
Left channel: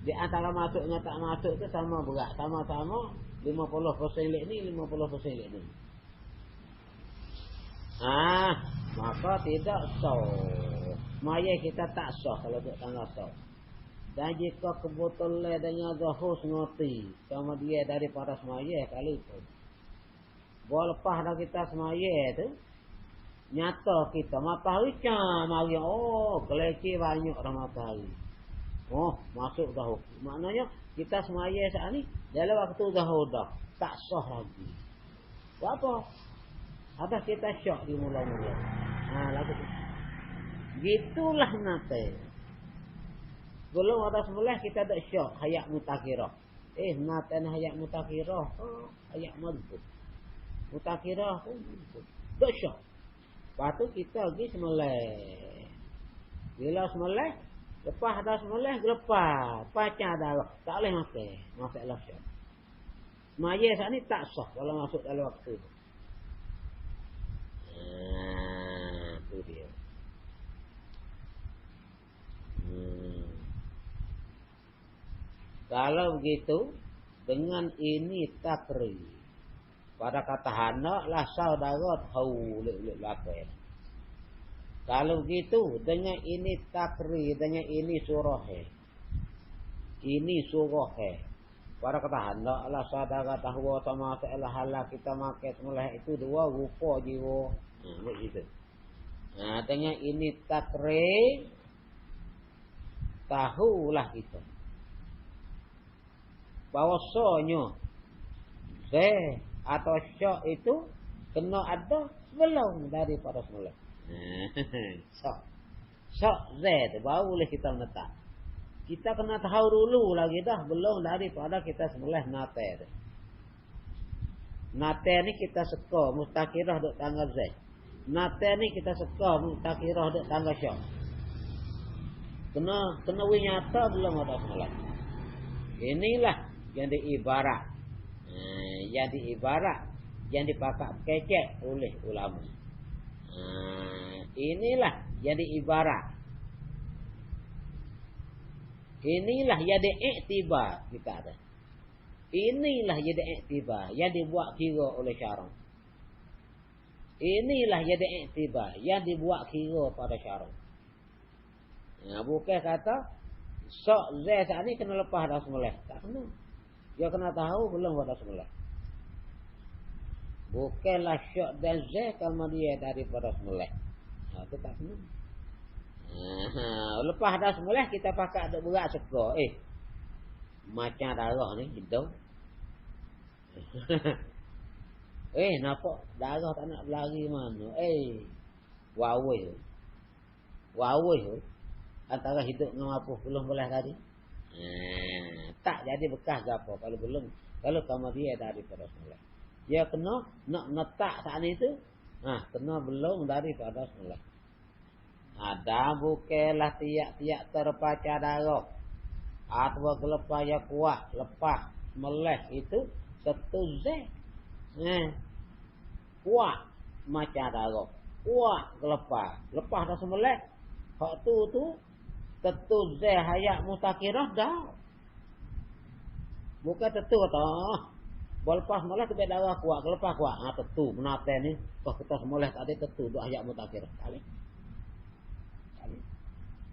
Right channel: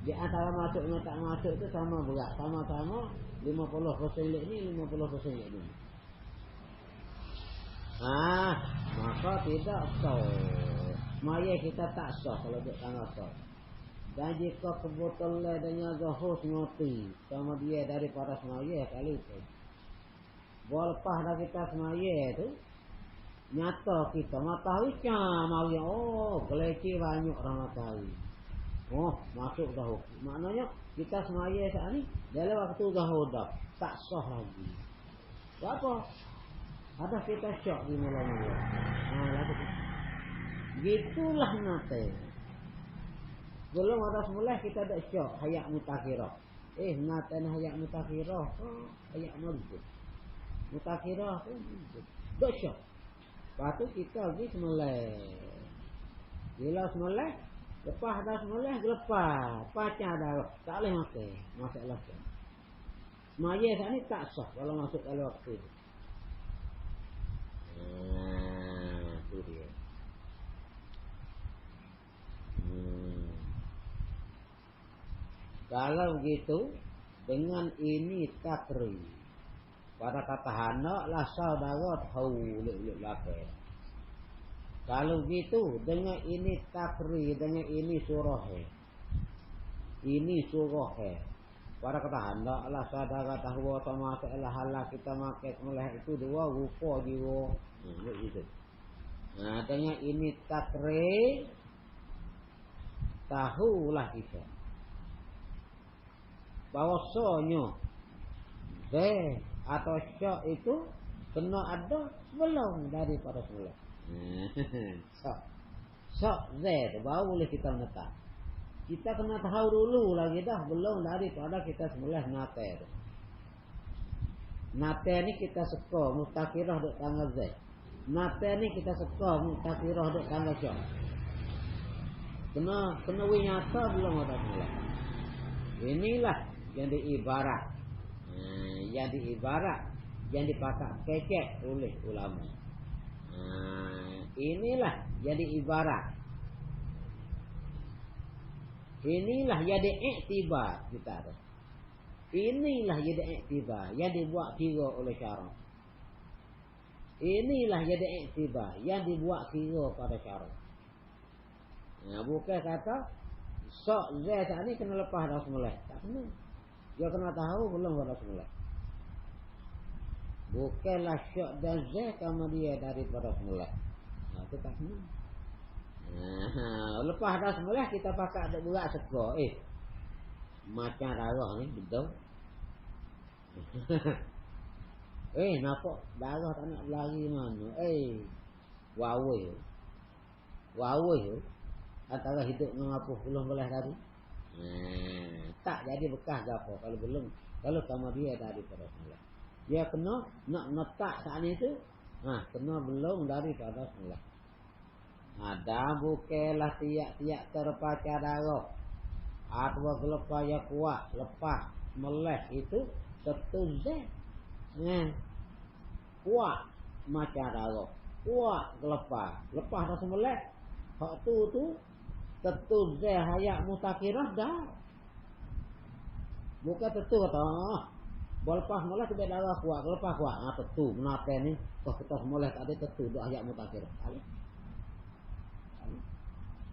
Di antara masuk dengan tak masuk tu sama berat. Sama-sama 50% lek ni, 50% lek ni. Maka tidak sah. Maya kita tak sah kalau tanggal sah. Dan jika kebetulan dengan zahus ngoti sama dia daripada semaya kali itu. Lepas dah kita semaya tu nyata kita matahari mari keleci banyak dah matahari. Masuk dahulu. Maknanya kita semaya saat ni dalam waktu dahulu dah tak sah lagi. Apa? Ada kita syok di mula-mula. Lalu gitulah nate. Belum ada sebelah kita ada syok hayat mutakhirah. Nate hayat mutakhirah. Hayat mabuk. Mutakhirah tu tak syok. Lepas tu kita pergi semelih. Bila semelih, lepas dah semelih, lepas. Pacar dah. Tak boleh makan. Masalah syok. Semaya saat ni tak sah kalau masuk dalam waktu. Itu dia. Kalau begitu, dengan ini takri. Pada kata anak lah saudara tahu luk-luk lakukan. Kalau gitu dengan ini takri, dengan ini surah. Ini surah. Pada kata anak lah saudara tahu sama masalah halal kita makan mulai itu dua rupa jiwa. Begitu. Dengan ini takri tahulah kita. Bahwasanya atau syok itu kena ada belum daripada semula. Syok tu baru boleh kita letak. Kita kena tahu dulu lagi dah belum daripada kita semula nate. Nate ni kita seka mustakirah duk tanggal Z. Nate ni kita seka mustakirah duk tanggal syok. Kena nyata belum ada semula. Inilah yang diibarat. Yang diibarat yang dipakai kecek oleh ulama. Inilah yang diibarat. Inilah yang diiktibar kita ada. Inilah yang diiktibar yang dibuat kira oleh syarak. Inilah yang diiktibar yang dibuat kira pada syarak. Bukan kata sok Z saat ni kena lepas dah semula. Tak kena. Dia kena tahu belum dah semula. Bukanlah syok dan Z kalau dia daripada semula. Itu tak kena. Lepas dah semula kita pakai ada berat seka. Macam darah ni gitu. Nampak darah tak nak berlari mana. Wawai. Antara hidup dengan apa belum boleh tadi. Tak jadi bekas ke apa kalau belum. Kalau kamu dia daripada semula. Dia kena nak letak saat itu. Kena belum daripada semula. Dan bukanlah tiap-tiap terpacar darah. atau gelepah ya kuat lepas meleh itu tetu Z. Kuat macam darah, kuat gelepah lepas dah semeleh hak tu tetu Z hayat mustakirah dah. Bukan tetu kata lepas meleh tu darah kuat gelepah kuat. Tetu menate ni kau kita semeleh tadi tetu dah hayat mustakirah.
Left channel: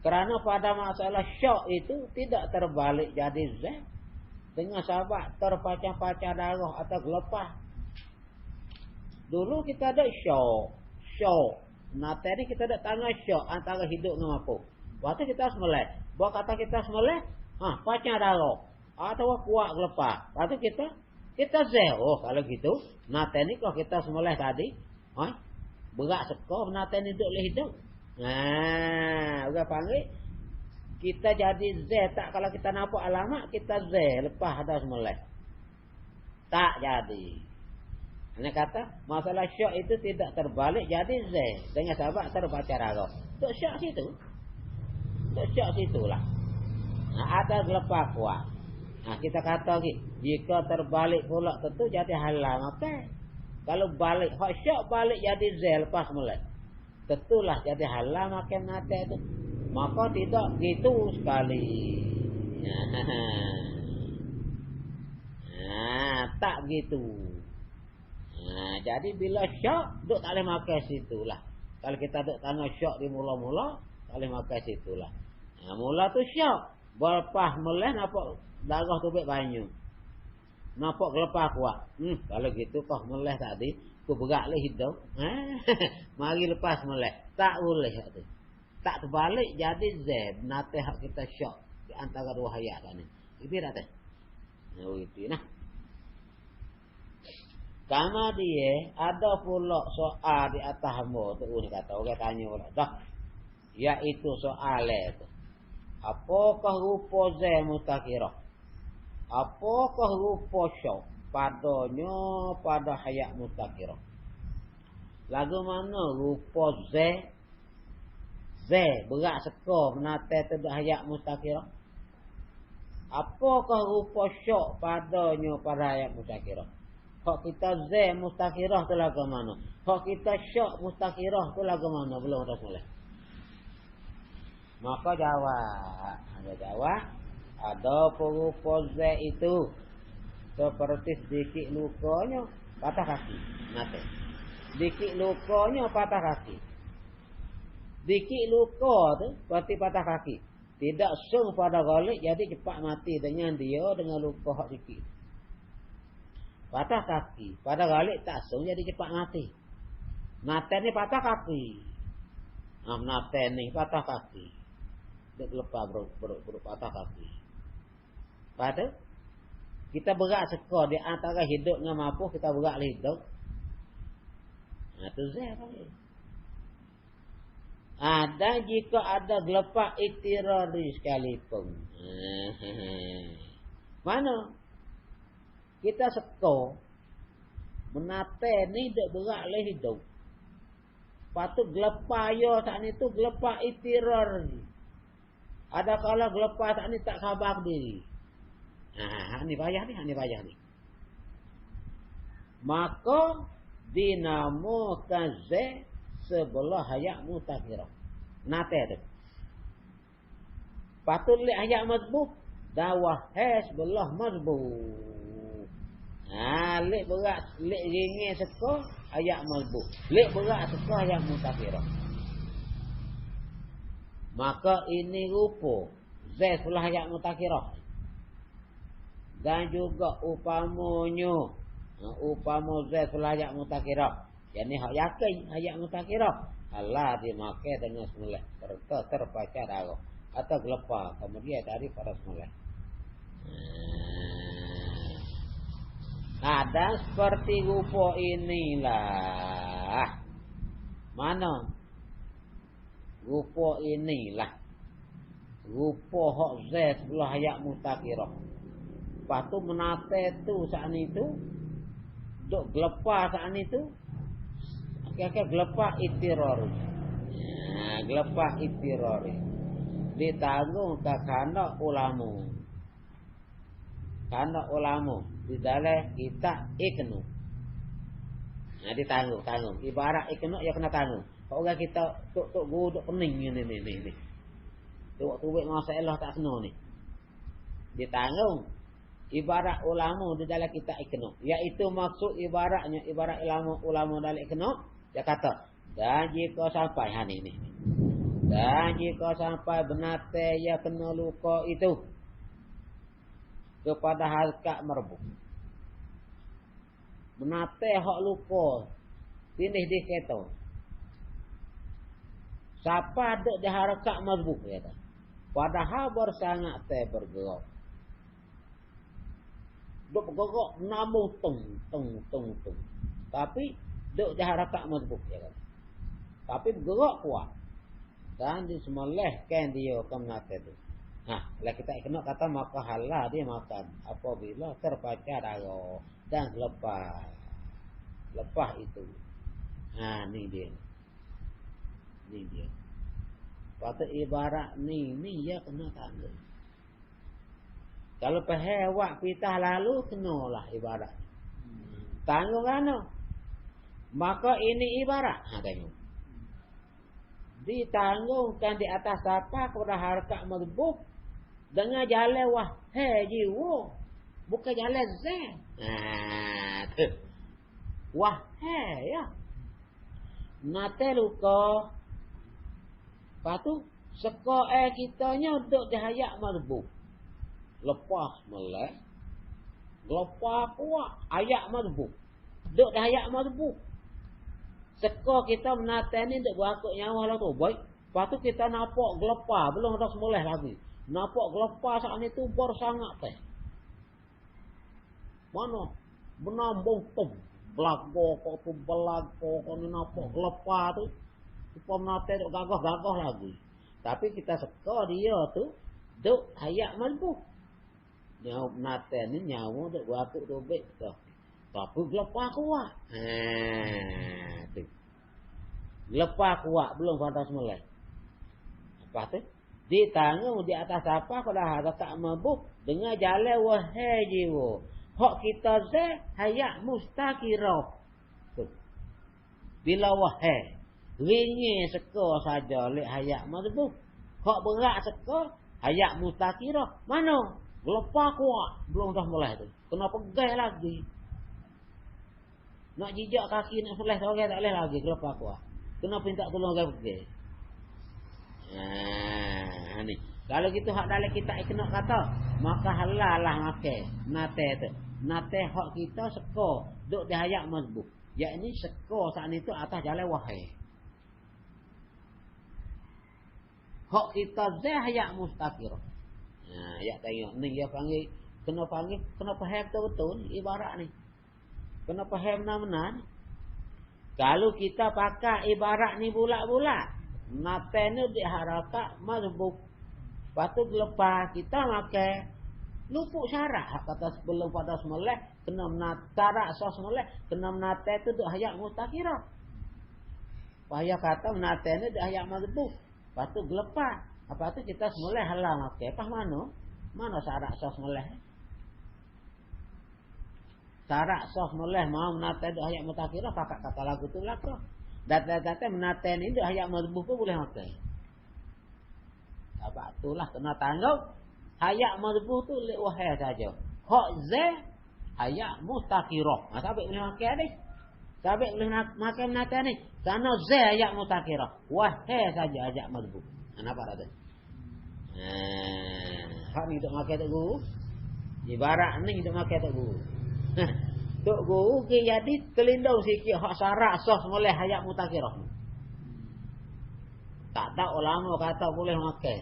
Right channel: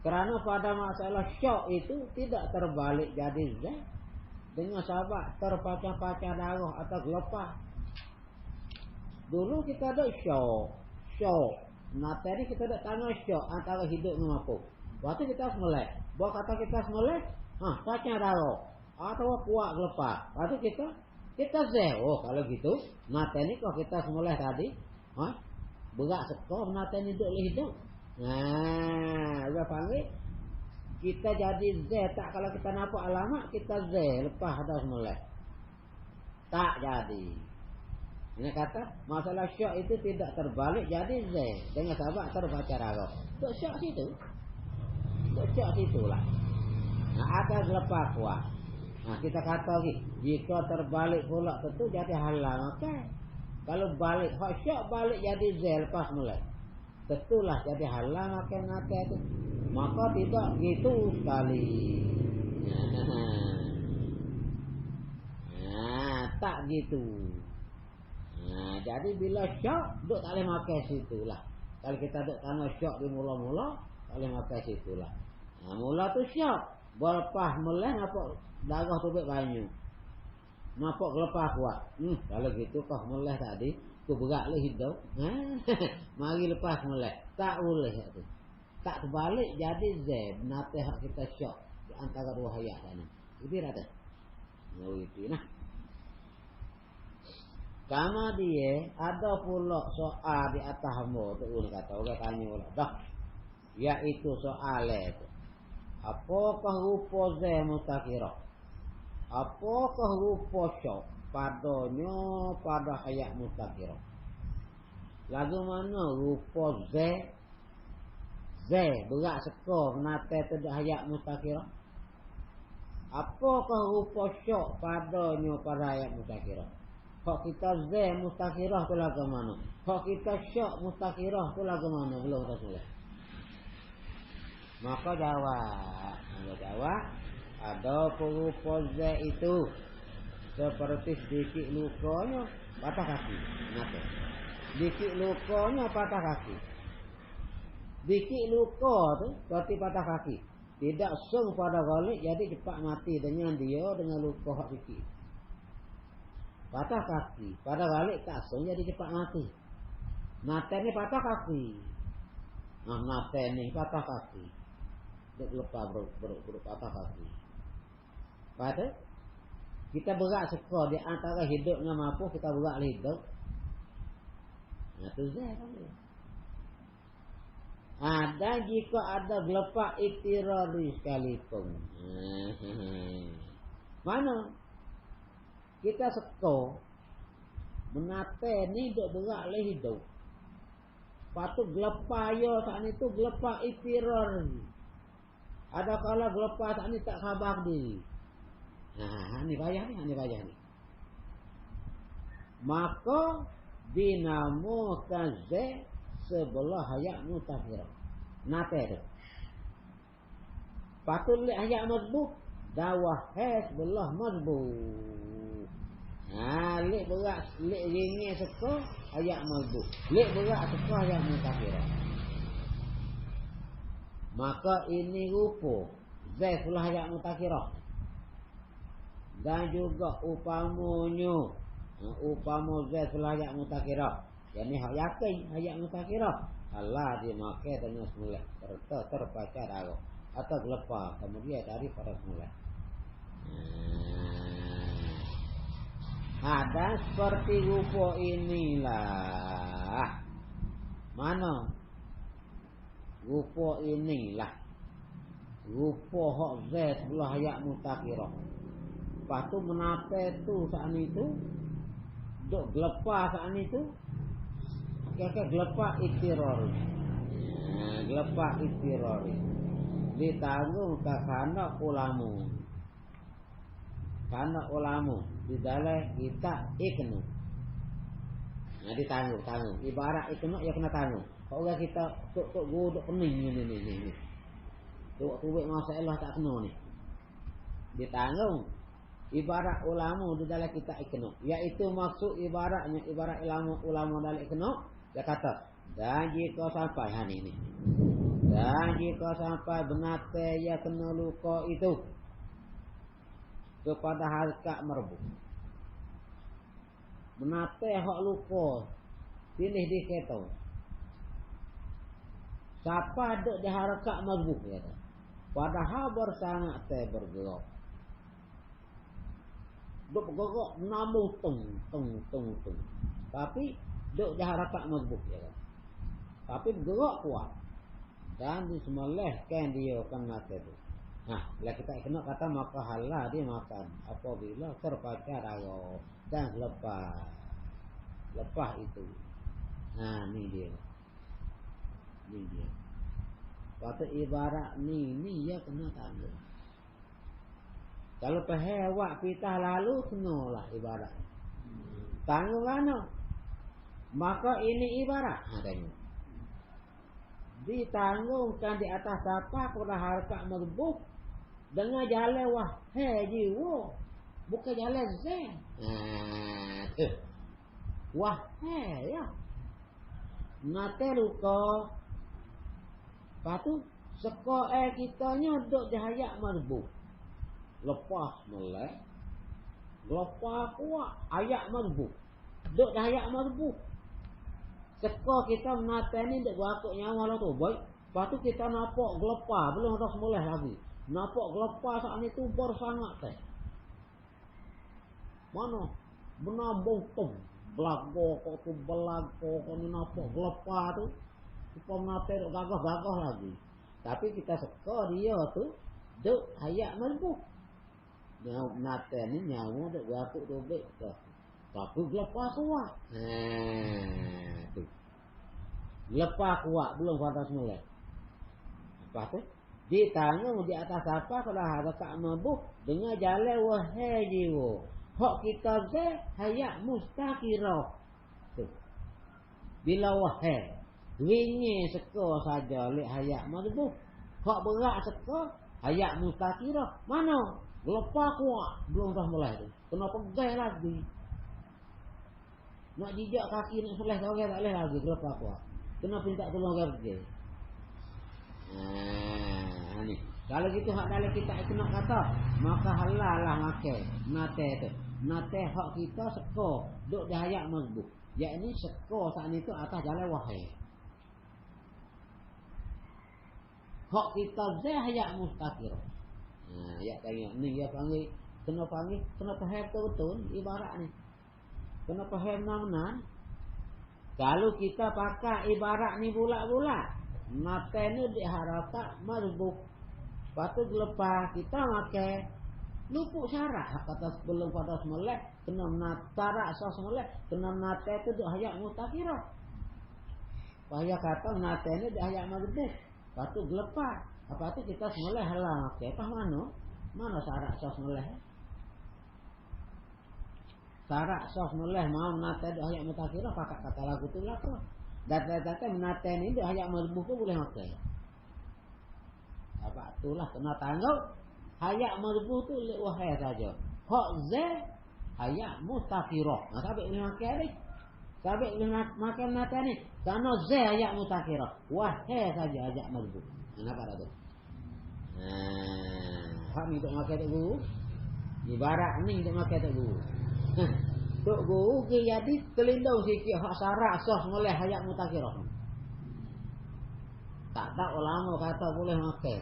Kerana pada masalah syok itu tidak terbalik jadi Z dengan sahabat terpacah-pacah darah atau gelepah. Dulu kita ada syok. Nate ni kita ada tanya syok antara hidup dengan apa. Waktu kita semeleh, buat kata kita semeleh, pacah darah atau kuat gelepah. Waktu kita Z. Oh kalau gitu, nate ni kalau kita semeleh tadi, berat sekor nate ni hidup. Udah panggil kita jadi Z tak kalau kita nampak alamat kita Z lepas dah semeleh. Tak jadi. Ini kata masalah syok itu tidak terbalik jadi Z dengan sahabat terbaca darah. Untuk syok situ. Untuk syok situlah. Ada gelepah kuat. Kita kata lagi jika terbalik pula tentu jadi halang. Okey. Kalau balik hak syok balik jadi Z lepas semeleh. Tentulah jadi halang makan nate tu. Maka tidak gitu sekali. Tak gitu. Jadi bila syok duk tak boleh makan situlah. Kalau kita duk tanya syok di mula-mula tak boleh makan situlah. Mula tu syok. Lepas meleh nampak darah tu banyak. Nampak gelepah kuat. Kalau gitu kau meleh tadi tu berat lah hidup. Mari lepas meleh. Tak boleh tu. Tak terbalik jadi Z. Nate hak kita syok di antara dua hayat ni. Itu dah tak? Itu nah. Kama dia ada pula soal di atas hamba tu kata orang tanya pula dah. Iaitu soal itu. Apakah rupa Z mustakirah? Apakah rupa syok padanya pada hayat mustakirah? Lagu mana rupa Z berat sekor nate tidak hayat mustakirah? Apakah rupa syok padanya pada hayat mustakirah? Hak kita Z mustakirah tu lagu mana? Hak kita syok mustakirah tu lagu mana? Belum dah mulai. Maka jawab ada rupa Z itu seperti sedikit lukanya patah kaki. Nate. Sedikit lukanya patah kaki. Sedikit luka tu berarti patah kaki. Tidak sung pada galik jadi cepat mati dengan luka hak sikit. Patah kaki pada galik tak sung jadi cepat mati. Nate ni patah kaki. Nate ni patah kaki. Duk lepas patah kaki. Pada kita berat sekor di antara hidup dengan mampu kita berat hidup. Tu Z tadi. Ada jika ada gelepah itirari sekalipun. Mana? Kita sekor menate ni duk berat le hidup. Patut gelepah ya tak ni tu gelepah itirari. Ada kala gelepah tak ni tak sabar diri. Ni payah ni. Maka dinamakan Z sebelah hayat mustakirah. Nate tu. Patut lihat hayat mazbut. Dawah sebelah mazbut. Lek berat, lek ringan sekor hayat mazbut. Lek berat sekor hayat mustakirah. Maka ini rupa Z sebelah hayat mustakirah. Dan juga upamanya Z sebelah hayat mustakirah. Yang ni hak yakin hayat mustakirah. Allah dimakai dengan semula serta terbaca darah atau gelepah kemudian dari para semula. Ada seperti rupa inilah. Mana? Rupa inilah. Rupa hak Z sebelah hayat mustakirah. Lepas tu menate tu saat itu duk gelepah saat itu. Kira-kira gelepah itirari. Gelepah itirari. Ditanggung ke kanak ulama. kana ulama di dalam kita iknu. Nah ditanggung. Ibarat iknu ya kena tanggung. Kalau kita tok guduk pening ni. Tuwek masalah tak kena ni. Ditanggung. Ibarat ulama di dalam kita iknu, iaitu maksud ibaratnya ibarat ulama dalam iknu, dia kata dan jika sampai ini dan jika sampai benate ya kena luka itu kepada harkat merbu, benate hak luka tinih diketo siapa ada di harkat merbu ya, padahal bersangat teh bergerak duk gogok namu teng. Tapi duk jaharakat mazbuk ya kan. Tapi bergerak kuat. Dan disemelehkan dia kena tu. Nah, bila kita kena kata maka halal dia makan apabila terpacar darah dan lepas itu. Nah, ni dia. Kata ibarat ni ya kena tanggung. Kalau pehewak pitah lalu kenalah ibarat. Tanggung kan? Maka ini ibarat. Tengok. Ditanggungkan di atas apa kepada harkat merbuk dengan jalan wahai jiwa, bukan jalan zen. Wahai ya. Nate luka. Patu seko kitanya duk dihayak merbuk. Lepas melek lepas kuat ayak merbu duk dah ayak merbu seka kita menata ni duk berakuk nyawa lah tu baik lepas tu kita nampak gelepar belum ada semulih lagi nampak gelepar saat ni tu baru sangat teh mana menambung tu belago kau ni nampak gelepar tu kita menata duk gagah lagi tapi kita seka dia tu duk ayak merbu nyawa mata ni nyawa dak waktu robek tu. Tapi lepas kuat. Tu. Lepas kuat belum pantas mulai. Lepas tu ditanggung di atas apa kalau harga tak mabuk dengan jalan wahai jiwa. Hak kita ze hayat mustakirah. Tu. Bila wahai ringi seka saja lek hayat mabuk. Hak berat seka hayat mustakirah. Mana? Lepas kuat belum dah mulai tu. Kena pegang lagi. Nak jijak kaki nak seleh seorang tak boleh lagi lepas kuat. Kena minta tolong orang pergi. Ni. Kalau gitu hak dalam kita kena kata, maka halal lah makan nate tu. Nate hak kita seko duk di hayat mazbuk. Yakni seko saat itu atas jalan wahai. Hak kita zah hayat mustaqir. Ya tengok ni dia panggil kena faham betul ibarat ni. Kena faham benar-benar. Kalau kita pakai ibarat ni bulat-bulat, nate ni diharapkan mazbuk. Patut lepas kita makan lupuk syarat kata sebelum pada semula kena menatarak sos semula kena menate tu dak hayat mustakirah. Payah kata menate ni dak hayat mazbuk. Patut lepas. Apa tu kita semula halal makan. Pas mana syarat sos semula? Syarat sos semula mau menate dak hayat mustakirah pakai kata lagu tu lah ke. Data-data menate ni dak hayat mazbuk tu boleh makan. Apa itulah kena tanggung. Hayat mazbuk tu lek wahai saja. Hak za hayat mustakirah. Sabik boleh makan ni. Sabik boleh makan menate ni. Sana za hayat mustakirah. Wahai saja hayat mazbuk. Nampak tak tu? Hak ni duk makan tok guru. Ibarat ni duk makan tok guru. Tok guru ke jadi terlindung sikit hak syarat sah boleh hayat mustakirah. Tak ada ulama kata boleh makan.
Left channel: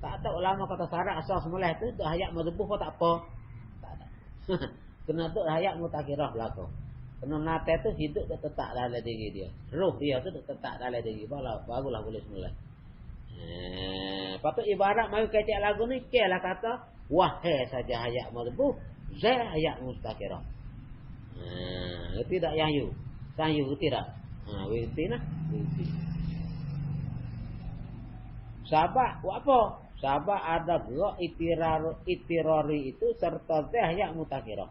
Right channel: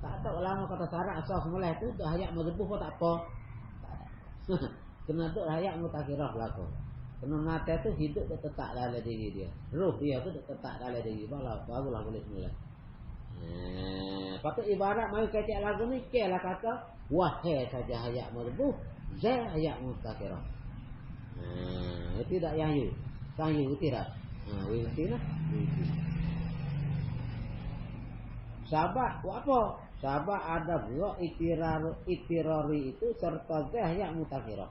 Tak ada ulama kata syarat asas mulai tu dah hayat mazbuk pun tak apa. Kena tu hayat mustakirah berlaku. Kena nate tu hidup dia tetap dalam diri dia. Ruh dia tu tetap dalam diri. Barulah boleh semula. Patut ibarat mari kecek lagu ni kelah kata wahai saja hayat mazbuk, za hayat mustakirah. Tidak yayu. Sayu tidak. Winti nah. Sahabat buat apa? Sabab ada dua itirari itu serta zah yang mutakirah.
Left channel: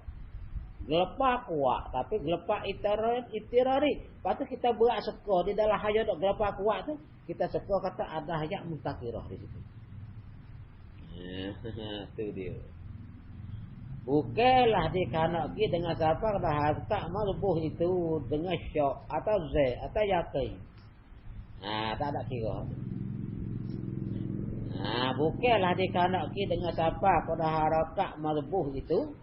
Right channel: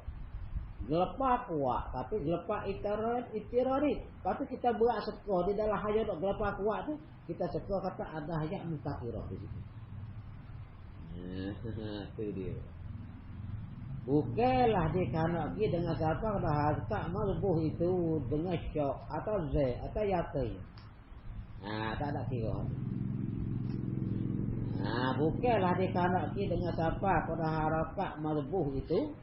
Gelepa kuat, tapi gelepa itirari. Lepas tu kita berat seka di dalam hayat gelepa kuat tu, kita seka kata ada hayat mutakirah di situ. Itu dia. Bukanlah dikanaki dengan siapa dah tak malbuh itu dengan syok atau zai atau yakin. Tak ada kira. Bukanlah dikanaki dengan siapa dah harakat malbuh itu.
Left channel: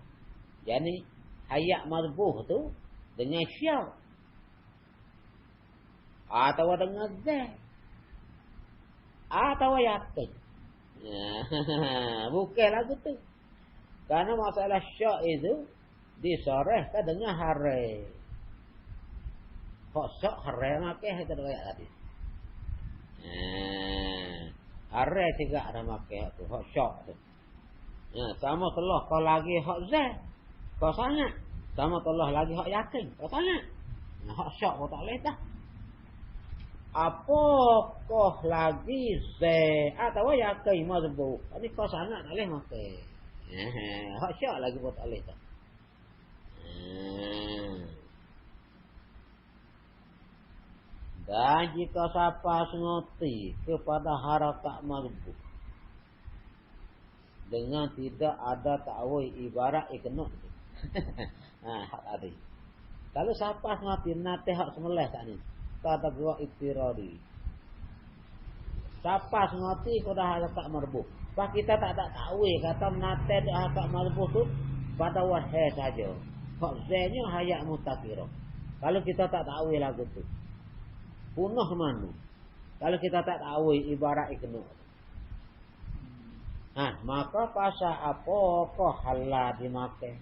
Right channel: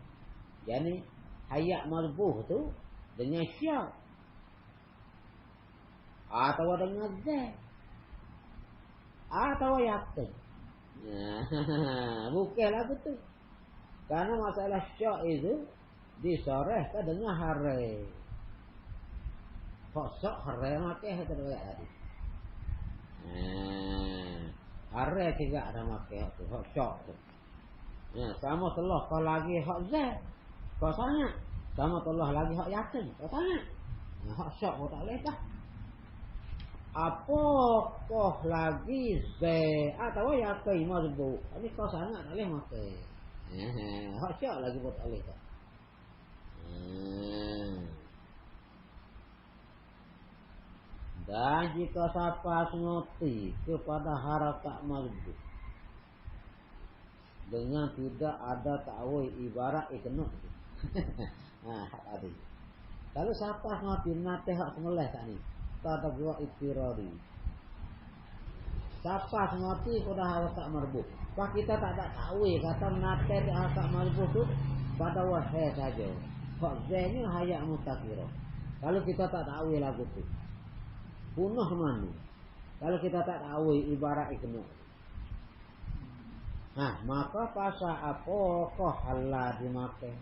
Yani hayat malbuh tu dengan syok atau dengan zai atau yakin. Bukanlah begitu. Karena masalah syok itu disorehkan dengan hari. Kok syok hari makai itu riwayat tadi. Hari juga ada makai tu, kok syok tu. Sama Allah kau lagi hak zai, kau sangat. Sama Allah lagi hak yakin, kau sangat. Hak syok kau tak boleh dah. Apakah lagi zai atau yakin mazbuk? Ini kau sangat tak boleh makai. Hak syok lagi kau tak boleh dah. Dan jika siapa sengerti kepada harakat mazbuk dengan tidak ada ta'wil ibarat ikenok. Tadi. Kalau siapa sengerti nate hak semulai saat ni, tak ada buat itirari. Siapa sengerti kepada harakat mazbuk. Pak kita tak ada ta'wil kata nate harakat mazbuk tu pada wahai saja. Hak zainya hayat mutakirah. Kalau kita tak ta'wil lagu tu, punah mana? Kalau kita tak ta'wil ibarat ikenok. Maka pasal apa kau halal dimakai?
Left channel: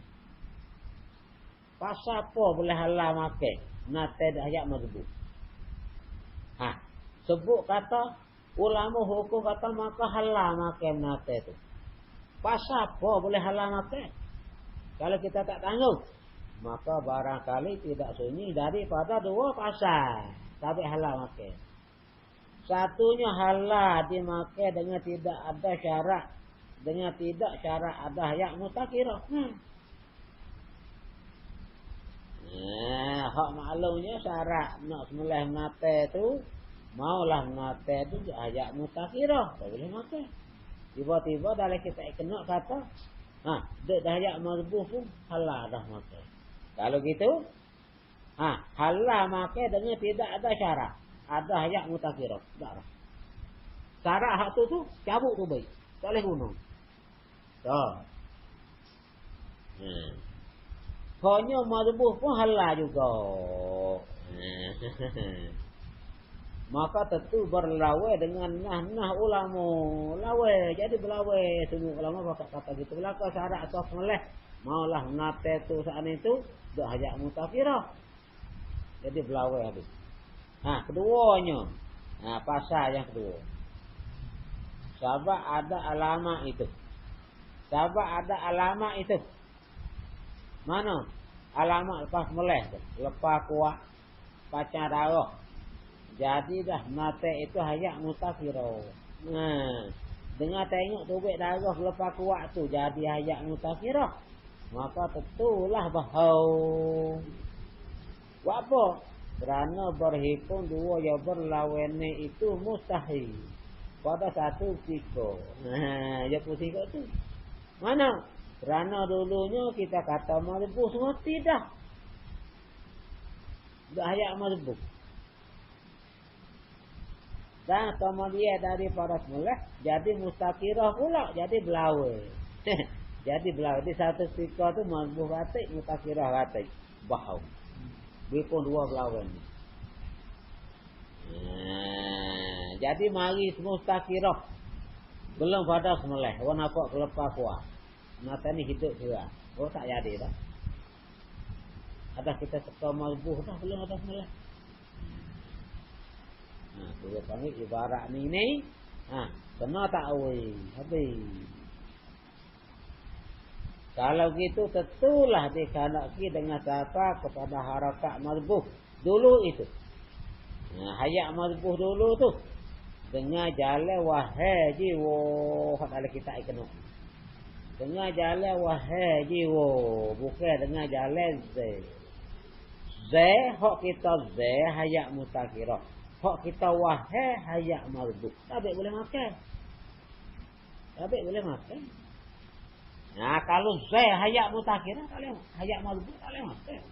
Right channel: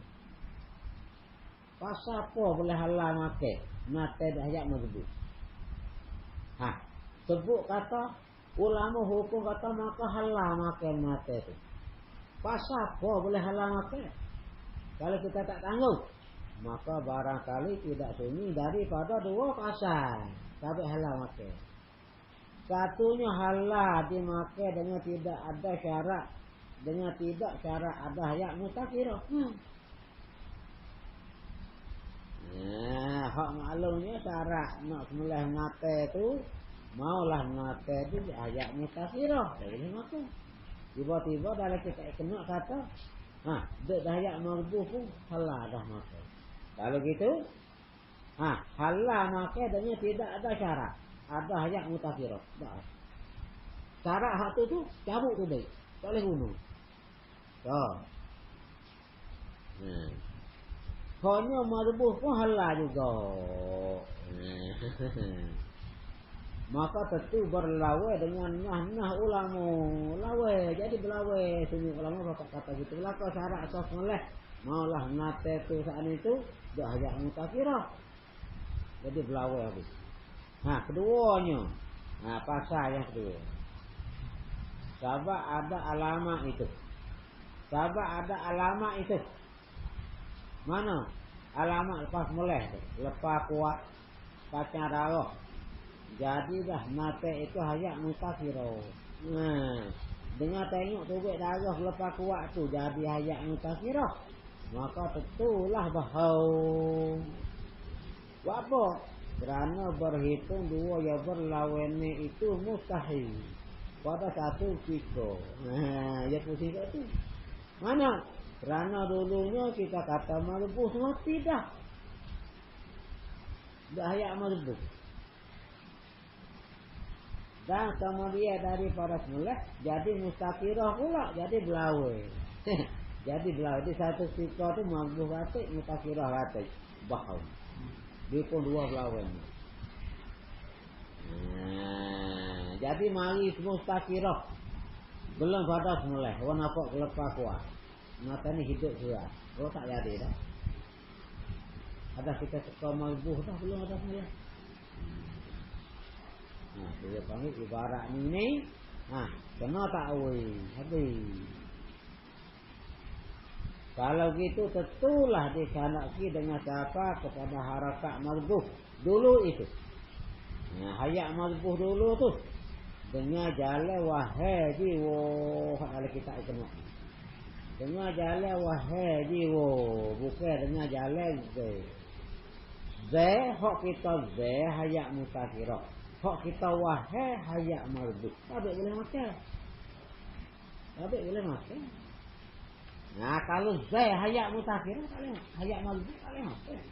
Pasal apa boleh halal makai? Nate hayat mazbuk. Sebut kata ulama hukum kata maka halal makai nate tu. Pasal apa boleh halal makai? Kalau kita tak tangguh, maka barangkali tidak sunyi daripada dua pasal tapi halal makai. Satunya halal dimakai dengan tidak ada syarat, dengan tidak syarat ada hayat mutakirah. Hak maklumnya syarat nak semulai mate tu, maulah mate tu hayat mutakirah, tak boleh makai. Tiba-tiba dari kita kena kata, dek hayat mazbuk pun halal dah makai. Kalau gitu, halal makai dengan tidak ada syarat, ada hayat mutakirah. Syarat hak tu cabut tu baik, tak boleh guna. Hanya mazbuk pun halal juga. Maka tentu berlawai dengan nah ulama. Lawai, jadi berlawai semua ulama kata gitu. Belaka syarat asas moleh. Maulah nate tu saat itu dah hayat mutakirah. Jadi berlawai habis. Keduanya. Pasal yang kedua. Sebab ada alamat itu. Sebab ada alamat itu. Mana? Alamat lepas moleh tu. Lepas kuat pacar darah. Jadi dah mate itu hayat mutakirah. Dengar tengok tubik darah lepas kuat tu jadi hayat mutakirah. Maka tentulah bau. Buat apa? Kerana berhitung dua yang berlawan itu mustahil. Pada satu pikir. Ya pusing kat tu. Mana? Kerana dulunya kita kata mazbuk semua tidak. Dah hayat mazbuk. Dan kemudian daripada semula jadi mustakirah pula, jadi belawai. Jadi belawai. Di satu fikir tu mazbuk batik, mustakirah batik. Bau. Dia pun dua belawai. Jadi mari mustakirah. Belum pada semula. Orang nampak kelepah kuat. Mata ni hidup sudah. Oh tak jadi dah. Ada kita suka mazbuk dah belum ada semula. Dia panggil ibarat ni. Kena ta'wil. Habis. Kalau gitu tentulah dikanaki dengan siapa kepada harakat mazbuk. Dulu itu. Hayat mazbuk dulu tu. Dengar jalan wahai jiwa. Kalau kita kena. Dengar jalan wahai jiwa. Bukan dengar jalan zai. Zai hak kita zai hayak mutakira. Hak kita wahai hayak marduk. Tak boleh makan. Tak boleh makan. Nah kalau zai hayak mutakira boleh. Hayak marduk boleh makan.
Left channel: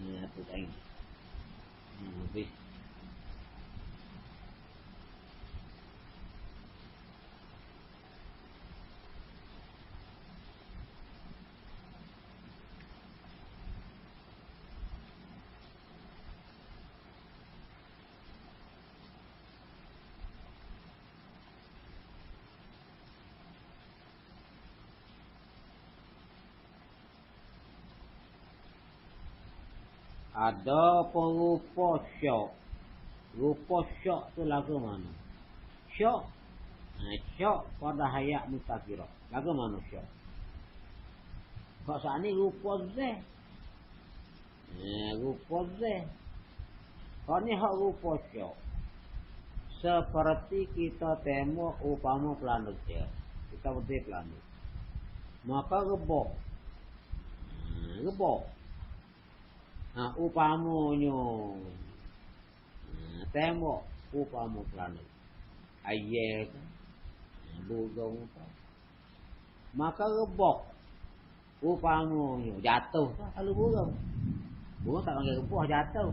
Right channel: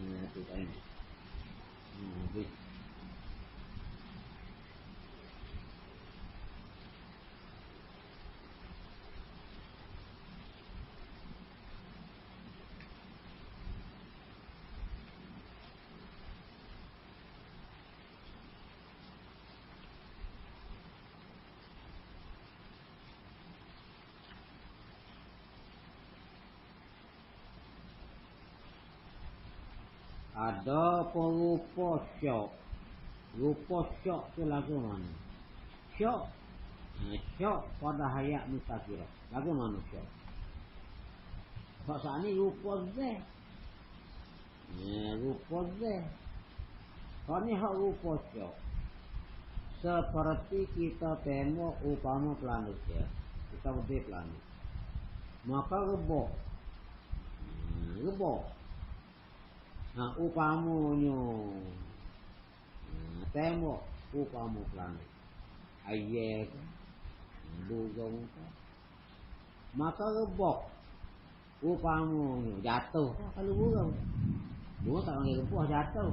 Nah tu tadi. Habis. Ada perupa syok. Rupa syok tu lagu mana? Syok. Syok pada hayat mutakira. Lagu mana syok? Sebab saat ni rupa zeh. Rupa zeh. Kau ni hak rupa syok. Seperti kita tengok upama planet ya. Kita berdiri planet. Maka rebok. Rebok. Upamanya tengok upama planet ayat dugong maka rebok upamanya jatuh kalau burung tak panggil rebok jatuh.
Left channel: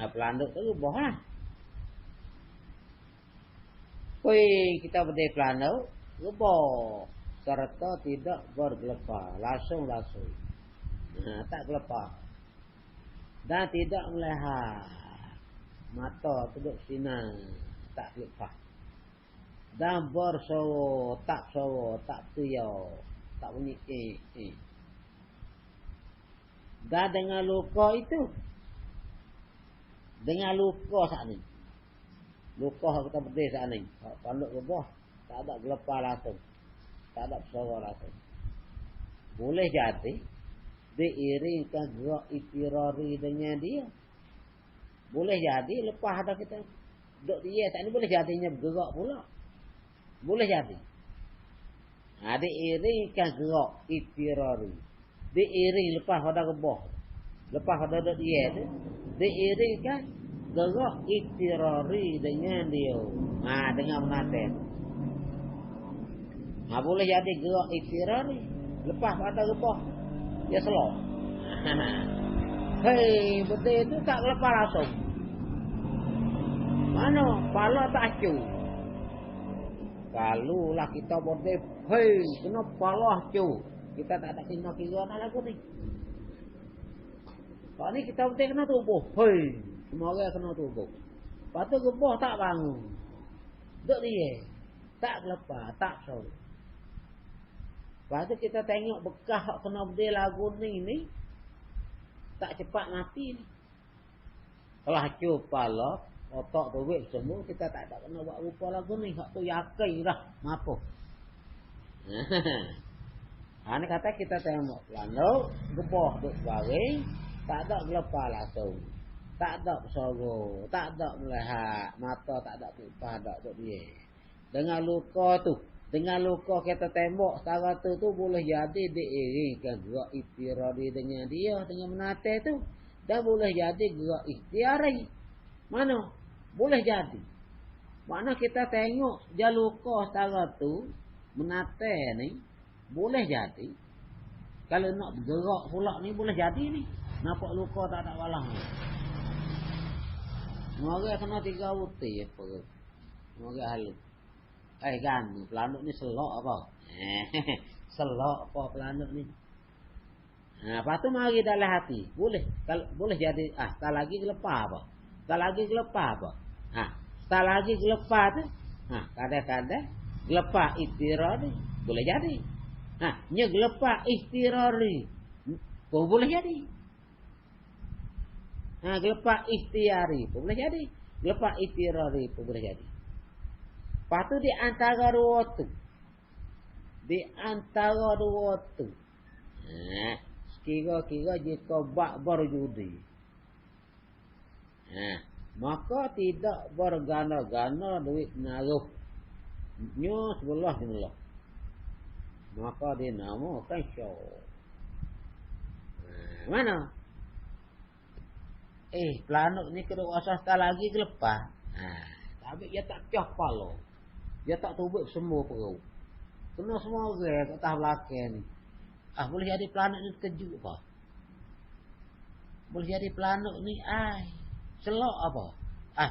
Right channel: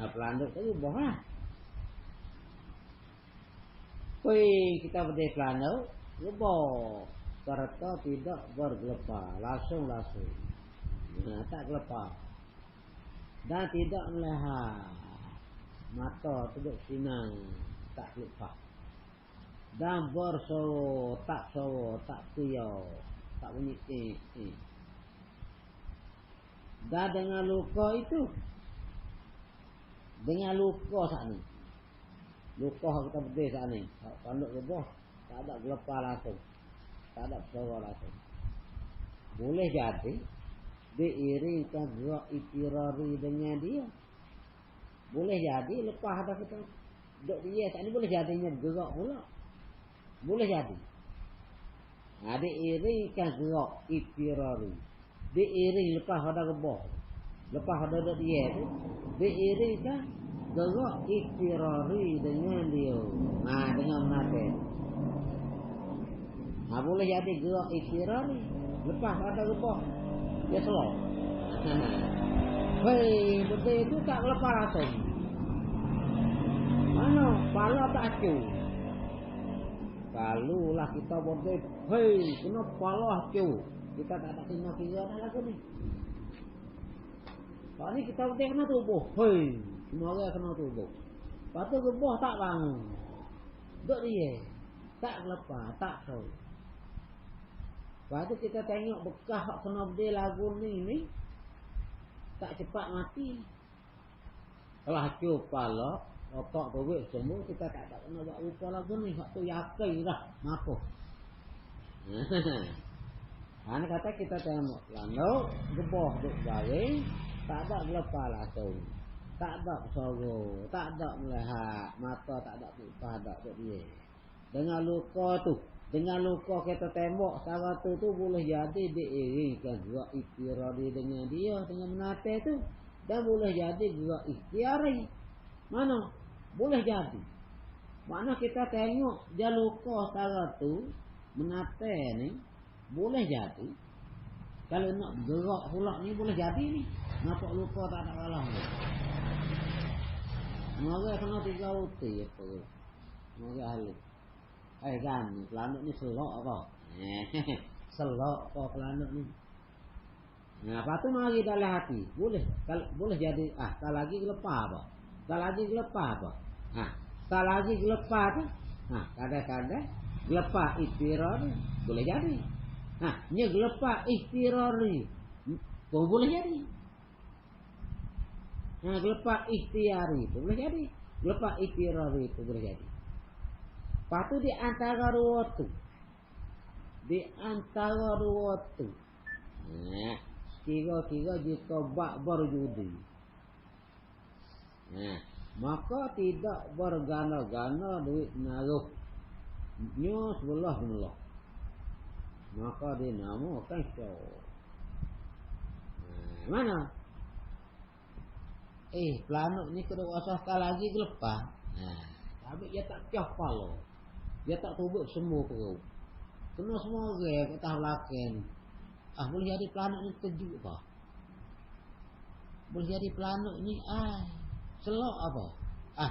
Planet tu rebok lah. Kita berdiri planet rebok serta tidak bergelepar langsung tak gelepar dan tidak melihat mata duduk sinar tak gelepar dan bersoro tak tuyau tak bunyi dan dengan luka itu dengan luka saat ni luka kita berdiri saat ni panduk rebah tak ada gelepar langsung tak ada suara langsung. Boleh jadi diiringkan gerak itirari dengan dia. Boleh jadi lepas ada kita duduk dia tak ni boleh jadinya bergerak pula. Boleh jadi. Diiringkan gerak itirari. Diiring lepas ada rebah. Lepas ada duduk dia tu diiringkan gerak itirari dengan dia. Dengan menatap. Boleh jadi gerak ikhtiar ni. Lepas pada rebah dia selok. Hei, betul tu tak lepas langsung. Mana pala tak acu. Kalau lah kita boleh, hei, kena pala acu. Kita tak ada kira nak lagu ni. Kalau ni kita betul kena tubuh. Hei, semua orang kena tubuh. Lepas tu rebah tak bangun. Duduk dia. Tak lepas, tak selok. Lepas tu kita tengok bekas hak kena berdiri lagu ni tak cepat mati ni. Kalau hancur kepala, otak teruk semua, kita tak ada kena buat rupa lagu ni. Hak tu yakin dah mampu. Ini kata kita tengok lalu gebah duk baring, tak ada gelepar langsung. Tak ada suara, tak ada melihat, mata tak ada upah dak dia. Dengan luka tu dengan luka kita tembak setara tu boleh jadi diiringkan gerak ikhtiari dengan dia dengan menatap tu dan boleh jadi gerak ikhtiari. Mana? Boleh jadi. Mana kita tengok dia luka setara tu menatap ni boleh jadi. Kalau nak gerak pula ni boleh jadi ni. Nampak luka tak ada kalah ni. Mari kena 3 uti apa. Mari halus. Kan planet ni selok apa? Selok apa planet ni? Lepas tu mari dalam hati. Boleh. Boleh jadi. Tak lagi gelepar apa? Tak lagi gelepar apa? Tak lagi gelepar tu. Kadang-kadang gelepar ikhtirari boleh jadi. Nya gelepar ikhtirari pun boleh jadi. Gelepar ikhtiari pun boleh jadi. Gelepar ikhtirari pun boleh jadi. Lepas tu di antara dua tu. Di antara dua tu. Kira-kira jika bak berjudi. Maka tidak bergana-gana duit naruh nyo sebelah nolak. Maka dinamakan syok. Mana? Planuk ni kena wasasta lagi ke lepas. Tapi dia tak cah pala. Dia tak tubuk semua perut. Kena semua orang kat atas belakang. Boleh jadi planuk ni kejut apa? Boleh jadi planuk ni selok apa?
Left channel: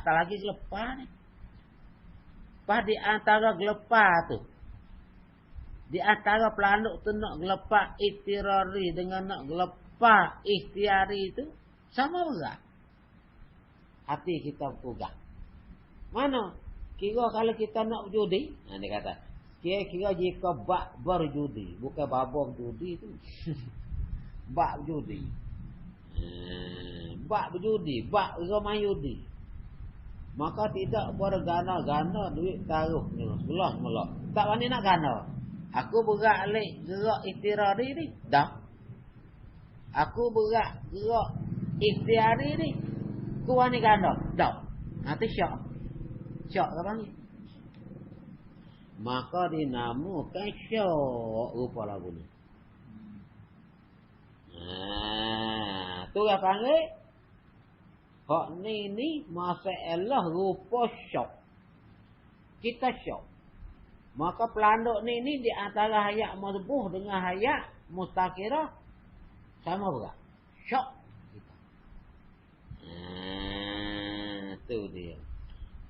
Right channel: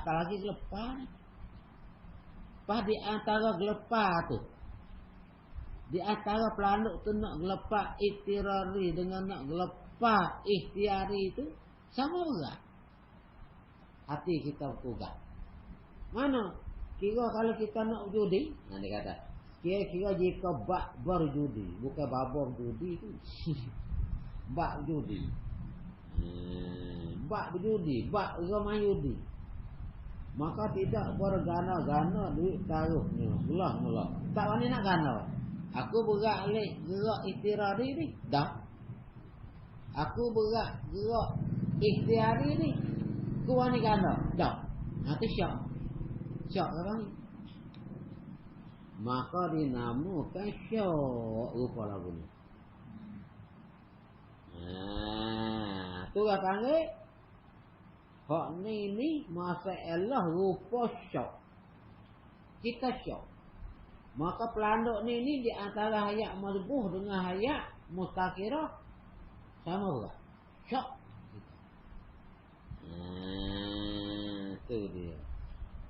Tak lagi gelepar ni. Pas di antara gelepar tu. Di antara planuk tu nak gelepar ikhtiari dengan nak gelepar ikhtiari tu sama berat. Hati kita berubah. Mana? Kira kalau kita nak judi, dia kata, kira jika bak berjudi, bukan babong judi tu. Bak judi. Bak berjudi, bak ramai judi. Maka tidak bergana-gana duit taruh sebelah melak. Tak wani nak gana. Aku berat alik gerak ikhtiari ni, dah. Aku berat gerak ikhtiari ni, ku wani gana, dah. Itu syak. Syak ke bang? Maka dinamakan syak rupa lagu ni. Tu yang panggil hak ni masalah rupa syak. Kita syak. Maka pelanduk ni di antara hayat mazbuh dengan hayat mustakirah sama berat. Syak. Tu dia.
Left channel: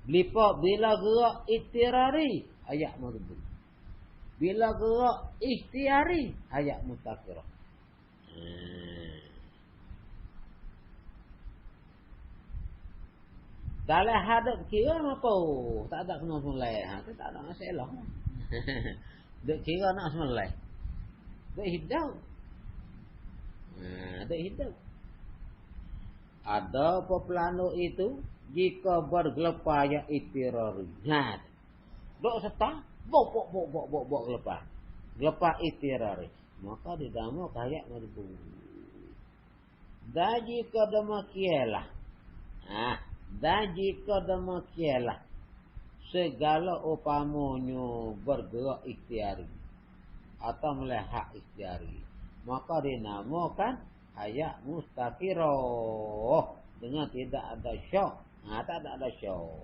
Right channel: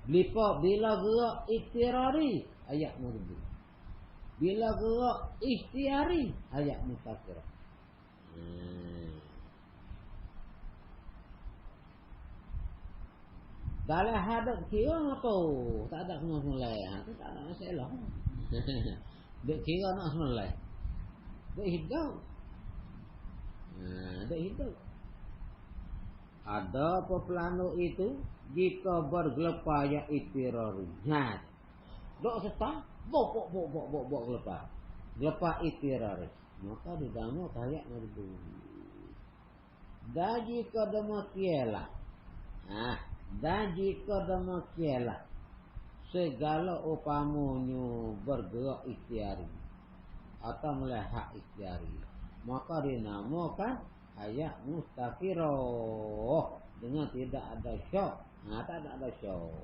Bila gerak ikhtiari hayat mazbuh. Bila gerak ikhtiari hayat mustakirah. Dalam hadap kira apa? Tak ada kena semulai. Itu tak ada masalah. Duk kira nak semulai. Duk hidup. Duk hidup. Ada apa pelanu itu jika bergelepar yang ikhtiari. Duk serta bok gelepar. Gelepar ikhtiari. Maka dinamakan hayat mazbuh. Dan jika demikianlah. Dan jika demikianlah segala upamanya bergerak ikhtiari atau melihat ikhtiari, maka dinamakan hayat mustakirah dengan tidak ada syak. Tak ada syak.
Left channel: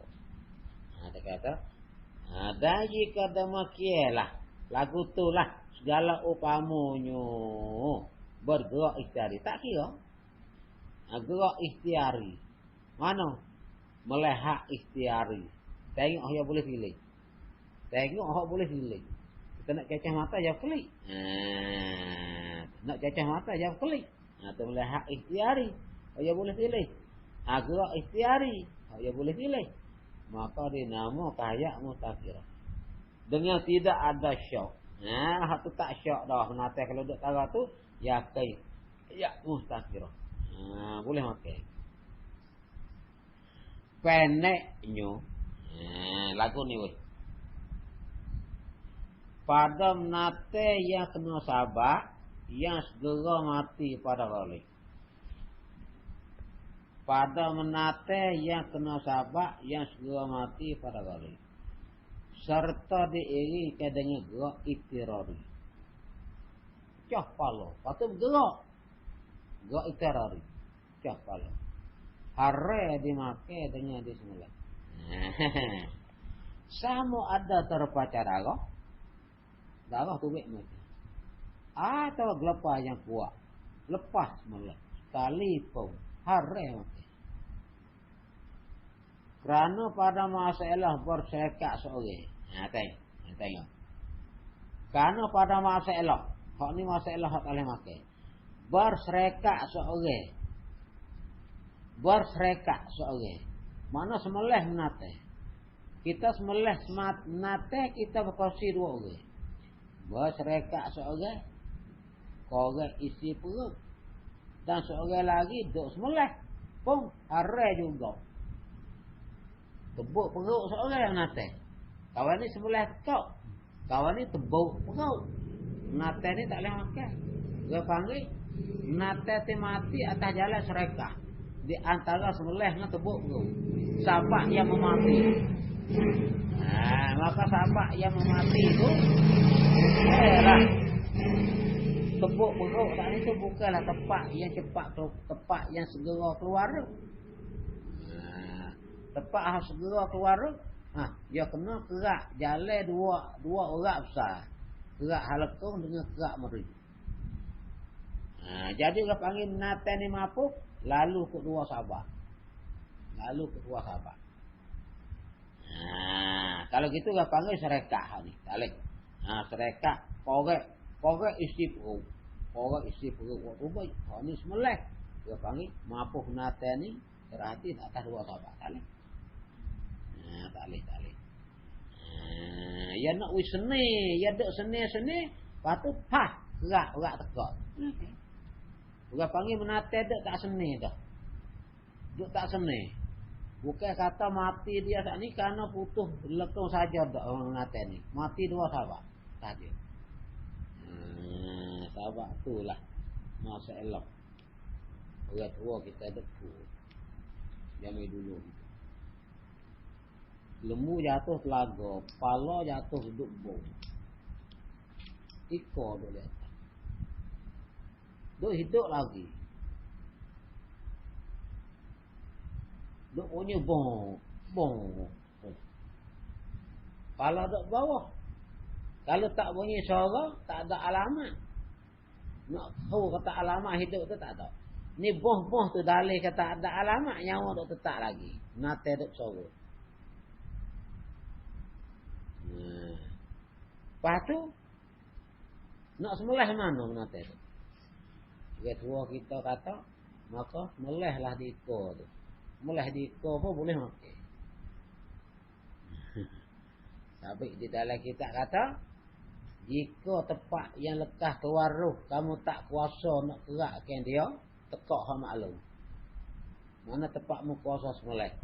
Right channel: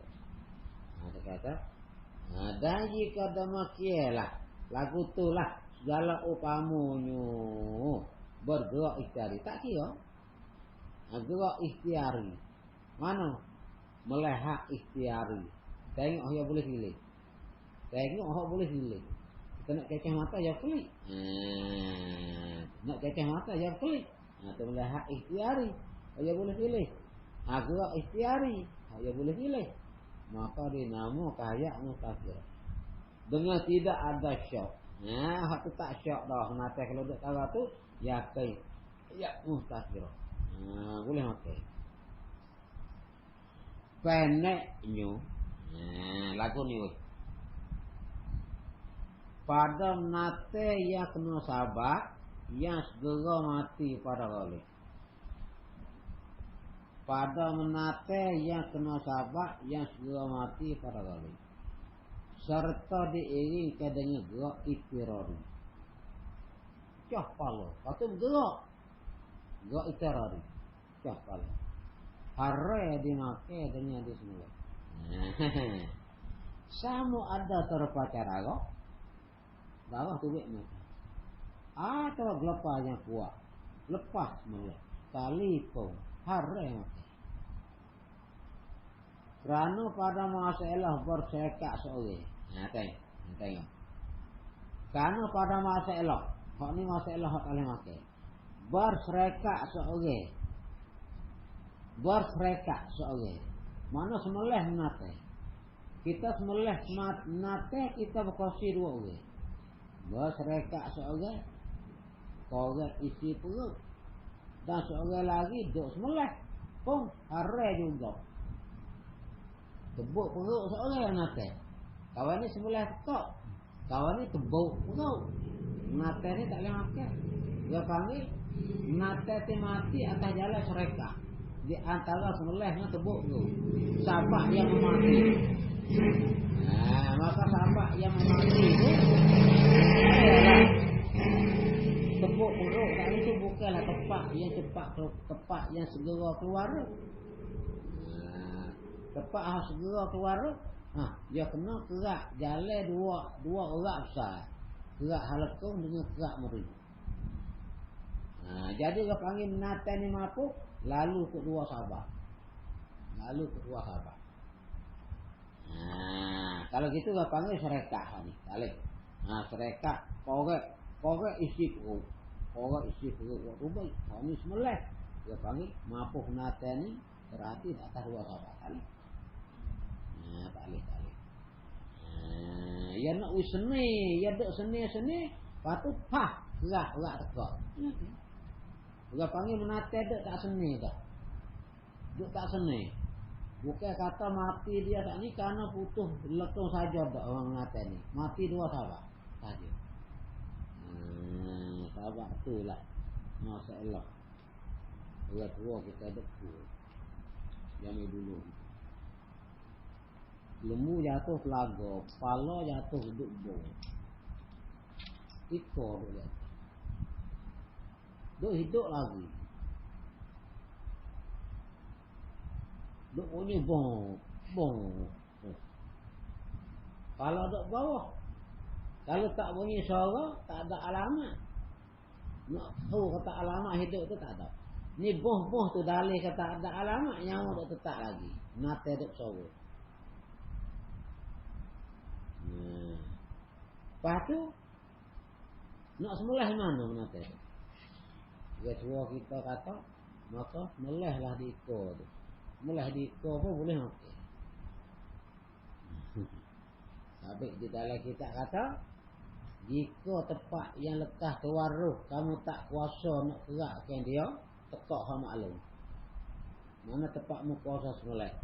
Dia kata, dan jika demikianlah lagu itulah segala upamanya bergerak ikhtiari. Tak kira gerak ikhtiari. Mana? Melihat ikhtiari. Tengok yang boleh pilih. Tengok yang boleh pilih. Kita nak cacah mata yang klik. Nak cacah mata yang klik. Itu melihat ikhtiari. Yang boleh pilih. Gerak ikhtiari. Yang boleh pilih. Maka dinamakan hayat mustakirah. Dengan tidak ada syak. Itu tak syak dah. Nanti kalau duduk taruh tu, yakin. Ya mustakirah. Boleh makan. Pendeknya lagu ni pada menate yang kena sabar yang segera mati pada kali. Pada menate yang kena sabar yang segera mati pada kali. Serta diiringi dengan gerak ikhtiari. Cah pala. Patut gerak. Gerak ikhtiari. Cah pala. Hare dimakai dengan disembelih. Sama ada terpacar darah. Darah tu mati. Atau gelepar yang kuat. Lepas sembelih. Sekali pun hare mati. Kerana pada masalah bersekat seorang. Tengok. Kerana pada masalah. Hak ni masalah hak boleh makan. Bersekat seorang. Berserekat seorang. Mana sembelih menate. Kita sembelih menate kita berkongsi dua orang. Berserekat seorang. Korang isi perut. Dan seorang lagi duduk sembelih. Pun harai juga. Tebuk perut seorang menate. Kawan ni sembelih tekak. Kawan ni tebuk perut. Menate ni tak boleh makan. Dia panggil menate mati atas jalan serekat. di antara sembelih dengan tebuk tu. Sapak yang mati. Nah, maka sapak yang mati itu tebuk perut tadi itu bukanlah tepat yang cepat, tepat yang segera keluar. Tepat harus segera keluar. Dia kena kerak jalan dua orang besar. Kerak halakung dengan kerak meri. Jadi orang panggil menatan ni mapuk, lalu kedua sahabat. Kalau gitu orang panggil serekah ni. Balik. Serekah korek isi perut. Waktu baik. Ni semulai. Orang panggil mapuk menatan ni berarti atas dua sahabat. Balik. Balik. Ya nak wis seni, ya dak seni, patut gerak tekak. Orang panggil menate dak tak seni dah. Dak tak seni. Bukan kata mati dia tak ni kerana putus lekung saja dak orang menate ni. Mati dua sahabat saja. Sahabat itulah masa elok. Orang tua kita dak tu. Jangan dulu. Lembu jatuh telaga, kepala jatuh duduk bong. Ikor duk jatuh. Duk hidup lagi. Duk punya bong. Kalau duk bawah, kalau tak bunyi suara, tak ada alamat. Nak tahu kata alamat hidup tu tak ada. Ni bong tu dalih kata ada alamat, nyawa duk tetap lagi. Nate duk suara. Lepas tu nak sembelih mana mata tu? Dia tua kita kata, maka sembelihlah di ekor tu. Sembelih di ekor pun boleh mati. Sabik di dalam kita kata, jika tempat yang lekas keluar roh, kamu tak kuasa nak gerakkan dia, tekak hak maklum. Mana tempatmu kuasa sembelih,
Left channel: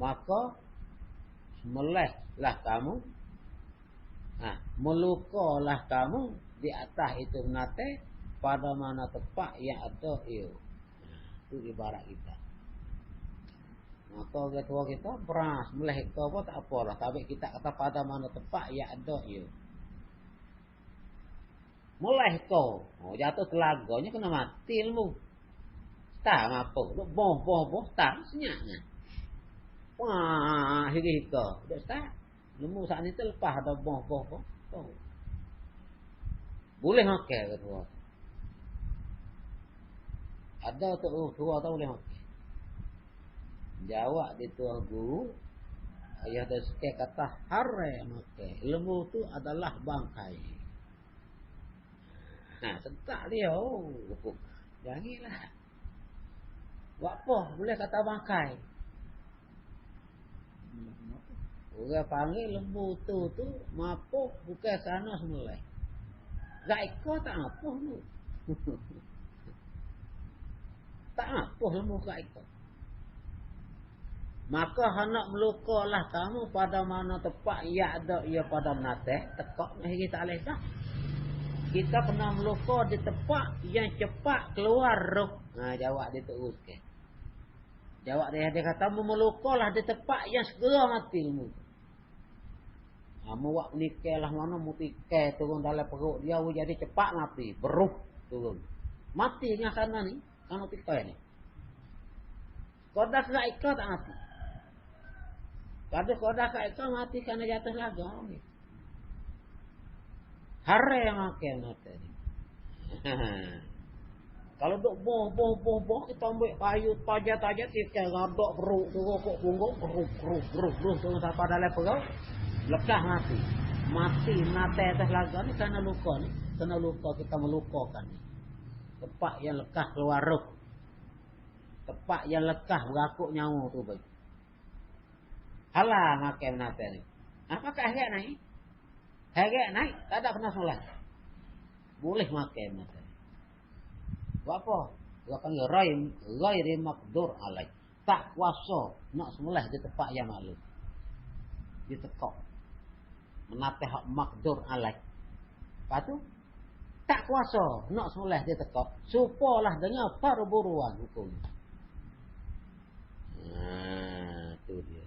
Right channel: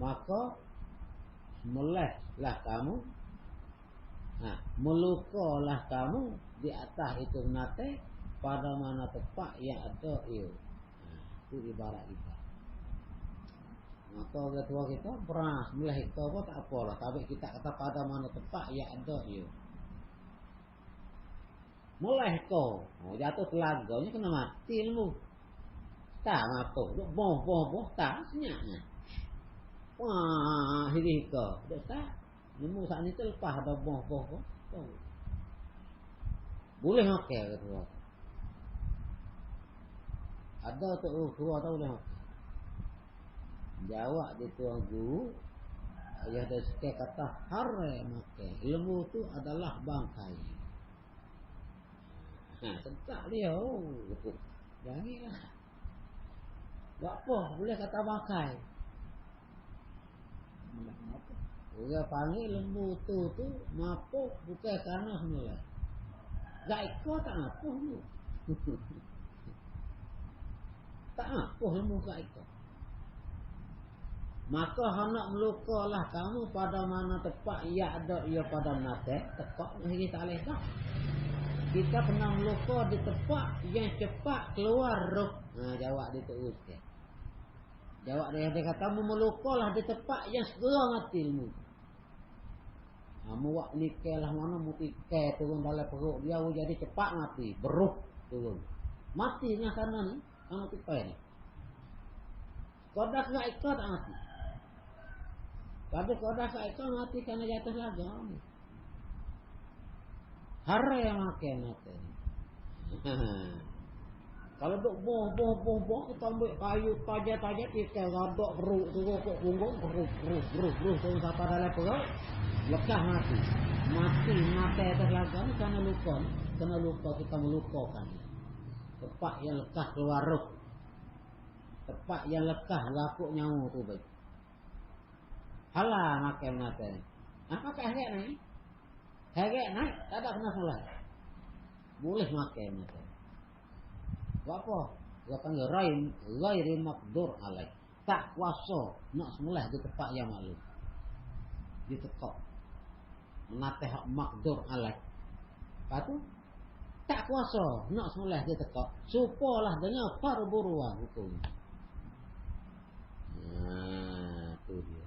maka sembelihlah kamu. Melukalah kamu di atas itu menate pada mana tempat yang ada ia. Itu ibarat kita. Maka orang tua kita pernah melih kau pun tak apalah. Tapi kita kata pada mana tempat yang ada ia. Melih kau, jatuh telaganya kena mati ilmu. Tak apa, boh tak senyaknya. Wah, hiri kau, tak. Ilmu saat ni terlepas ada boh. Boleh makan ke tua? Ada tu tua tak boleh makan. Jawab di tuan guru, ayah ada sikit kata haram makan. Ilmu tu adalah bangkai. Sentak dia. Janganlah. Buat apa? Boleh kata bangkai. Orang panggil lembu tu mapuk bukan kerana semulai. Zaika tak mapuk tu. Tak mapuk lembu zaika. Maka hendak melukalah kamu pada mana tempat ia ada ia pada nate, tekak ni kita boleh dah. Kita kena meluka di tempat yang cepat keluar roh. Jawab dia teruskan. Jawab dia kata melukalah di tempat yang segera mati ilmu. Muak nikel lah mana mutikai turun dalam perut dia jadi cepat mati, beruh turun. Mati dengan sana ni, sama tikai ni. Kodak kat ikau tak mati. Kalau kodak kat ikau mati kerana jatuh laga ni. Hare makan mati ni. Kalau duk boh kita ambil kayu tajam tikai rabak beruh turun kok punggung beruh turun sampai dalam perut. Lekas mati atas laga ni kerana luka ni. Kerana luka kita melupakan. Tempat yang lekas keluar roh. Tempat yang lekas rakuk nyawa tu baik. Halah makan nate ni. Pakai harga naik. Harga naik tak ada kena solat. Boleh makan nate. Buat apa? Dia panggil ghairi maqdur alaih. Tak kuasa nak sembelih di tempat yang maklum. Ditekak. Menatih hak makdur alaih. Lepas tu tak kuasa nak sembelih dia tekak. Supalah dengan perburuan hukum. tu dia.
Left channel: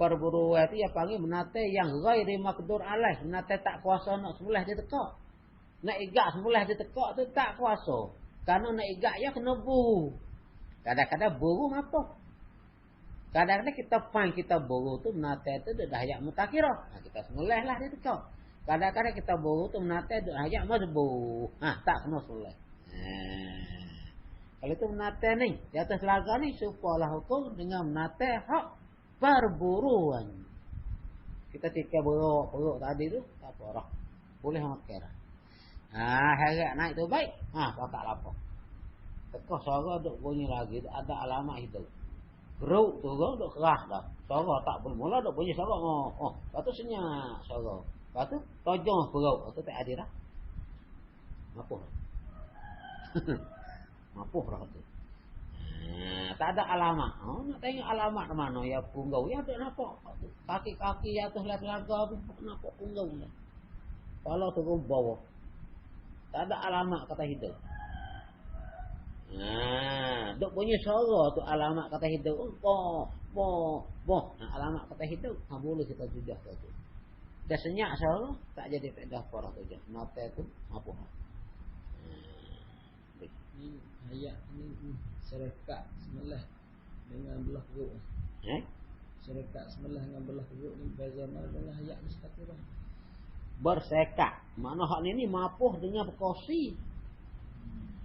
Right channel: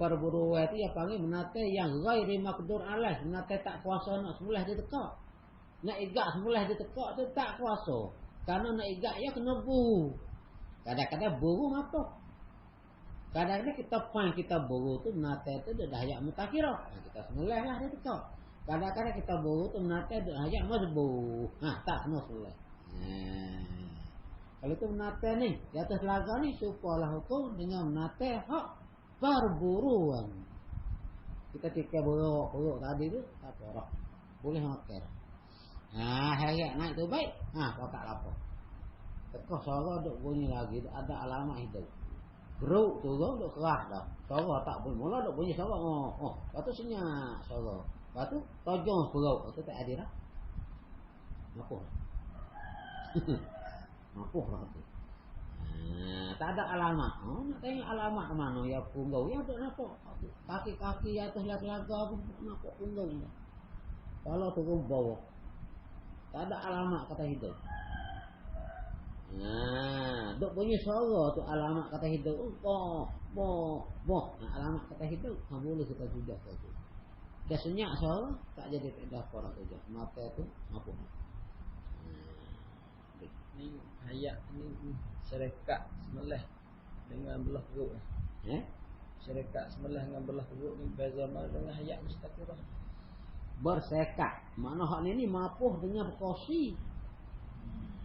Perburuan itu ya panggil menate yang ghairi maqdur alaih, menate tak kuasa nak sembelih dia tekak. Nak igak sembelih dia tekak tu tak kuasa. Karena nak igak ya kena buru. Kadang-kadang buru apa? Kadang-kadang kita buru tu menate tu dah hayat mutakirah. Kita sembelih lah dia tekak. Kadang-kadang kita buru tu menate dah hayat mazbu. Tak kena sembelih. Kalau itu menate ni di atas telaga ni supalah hukum dengan menate hak perburuan. Kita tika buruk tadi tu tak apa, boleh makan. Harap naik tu baik. Pakak lapar. Tekah suara duk bunyi lagi, ada alamat hidup. Beruk tu duk keras dah. Suara tak bermula duk bunyi suara. Lepas tu senyap suara. Lepas tu tojong beruk. Lepas tu tak ada dah. Mapuh. Mapuh lah tu. Tak ada alamat. Nak tengok alamat mana ya punggau. Ya tak nampak. Kaki-kaki atas telaga pun nampak punggau. Kalau turun bawah. Tak ada alamat kata hidup. Duk bunyi suara tu alamat kata hidup. Boh. Alamat kata hidup. Boleh kita sudah tu. Dah senyap suara. Tak jadi pedah apa lah tu. Mata tu apa. Ni ayat ni syarikat sembelih dengan belah perut. Syarikat sembelih dengan belah perut ni beza mana dengan ayat mustaqirah. Bersekat. Makna hak ni mapuh dengan berkosi.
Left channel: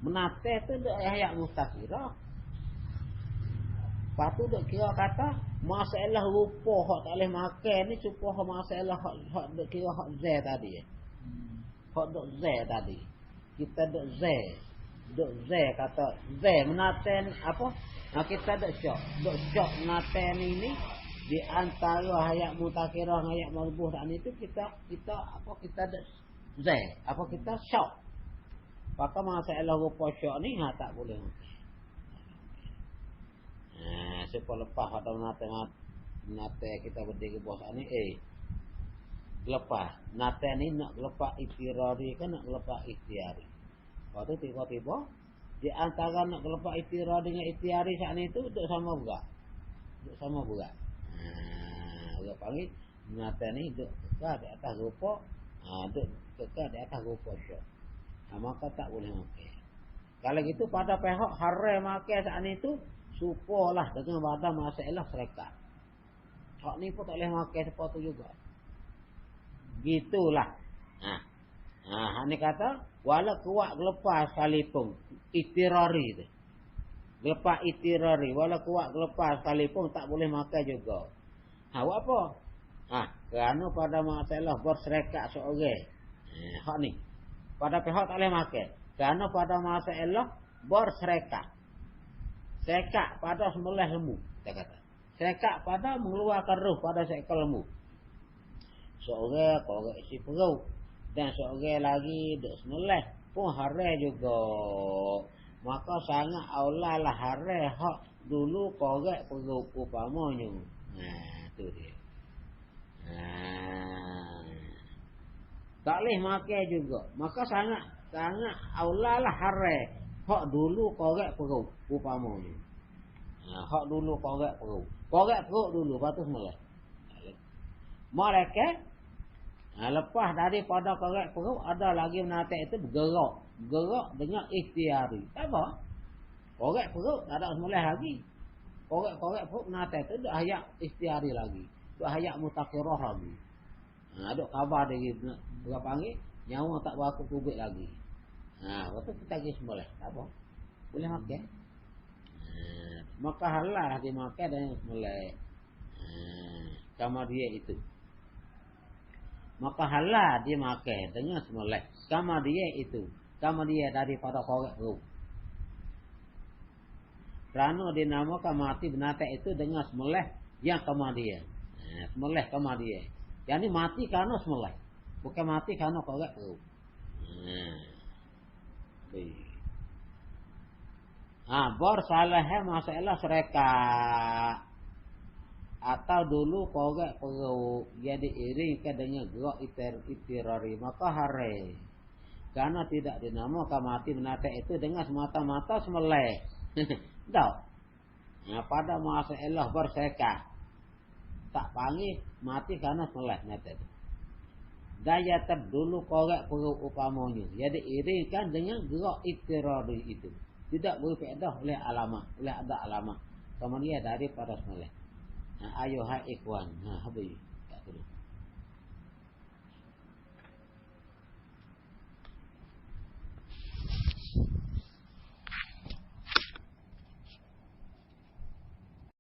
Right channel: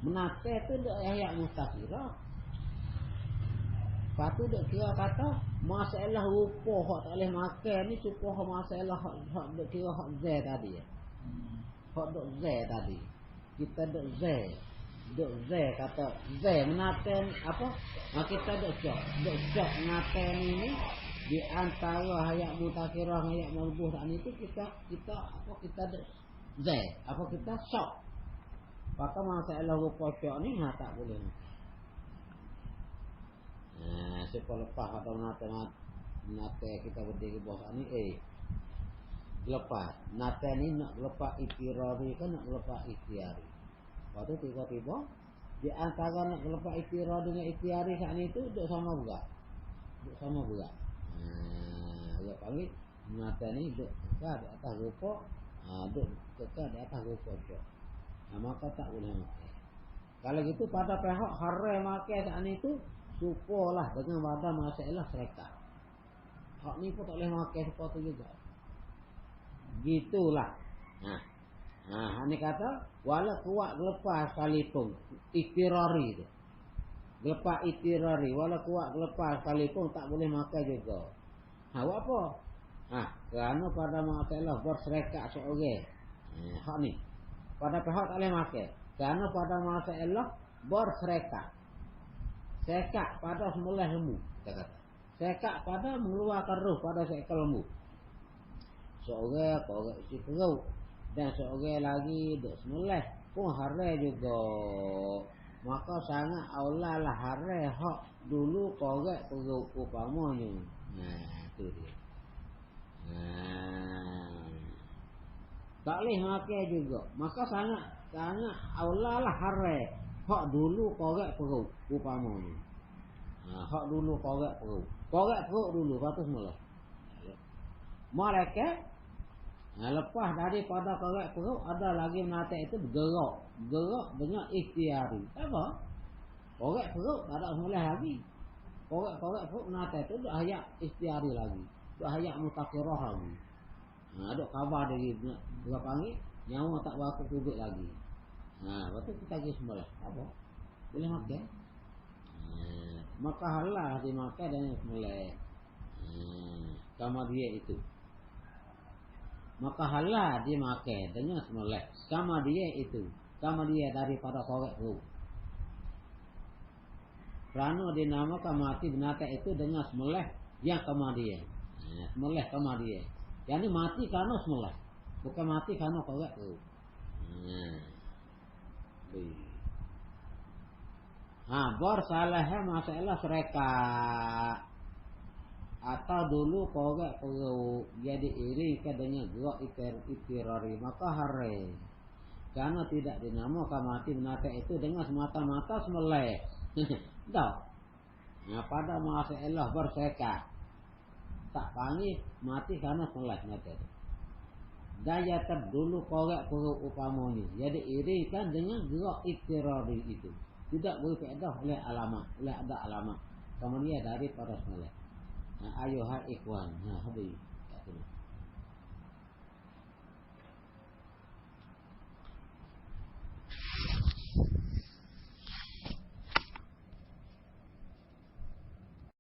Menate tu ayat mustaqirah. Lepas tu duk kira kata masalah rupa hak tak boleh makan ni cukup masalah hak duk kira hak zai tadi. Hak duk zai tadi. Kita duk zai. Duk zai kata zai menate apa? Kita duk cok menate ni di antara ayat mutakirah dengan ayat marbuh tak ni tu kita apa kita duk zai. Apa kita syok. Maka masalah rupa syok ni tak boleh. Siapa lepas kata menate kita berdiri bawah ni lepas nate ni nak lepas itirari kan nak lepas ikhtiari. Lepas tu tiba-tiba di antara nak lepas itirari dengan ikhtiari saat ni tu duduk sama berat. Dia panggil nate ni duduk kekal di atas rupa, duduk kekal di atas rupa syok. Maka tak boleh makan. Kalau gitu pada pihak haram makan saat ni tu supalah dengan pada masalah syarikat. Hak ni pun tak boleh makan seperti juga. Gitulah. Ni kata wala kuat lepas sekalipun itirari tu. Lepas itirari wala kuat lepas sekalipun tak boleh makan juga. Buat apa? Kerana pada masalah bersyarikat seorang. Hak ni. Pada pihak tak boleh makan. Kerana pada masalah bersyarikat. Sekat pada sembelih lembu, dia kata. Sekat pada mengeluarkan roh pada seekor lembu. Seorang korek isi perut dan seorang lagi duk sembelih pun haram juga. Maka sangat aulalah haram hak dulu korek perut upamanya. Tu dia. Tak boleh makan juga. Maka sangat aulalah haram hak dulu korek perut upamanya. Hak dulu korek perut. Korek perut dulu patut mula. Mereka lepas daripada korek perut ada lagi menate itu gerak dengan ikhtiari. Tak apa. Korek perut tak ada semula lagi. Korek perut menate itu dak hayat ikhtiari lagi. Dak hayat mutakirah lagi. Duk khabar dia gitu. Dia panggil nyawa tak berapa kubik lagi. Lepas tu kita pergi semula. Tak apa. Boleh makan. Maka halal dimakan dengan semula. Sama dia itu. Maka halal dimakan dengan semula. Sama dia itu. Sama dia daripada korek perut. Kerana dinamakan mati binatang itu dengan semula yang kama dia. Semula kama dia. Yang ni mati kerana semula. Bukan mati kerana korek perut. Bersalahnya masalah syarikat. Atau dulu korek perut dia diiringkan dengan gerak itirari. Maka haram. Kerana tidak dinamakan mati binatang itu dengan semata-mata sembelih. Tak. pada masa Allah berseka tak panggil mati karena seleh nyata. Daya terdulu korek perut upamanya. Jadi irikan dengan gerak itirari itu. Tidak berfaedah oleh alamat, oleh ada alamat. Kemudian daripada seleh. Ayuhai ikhwan. Habis.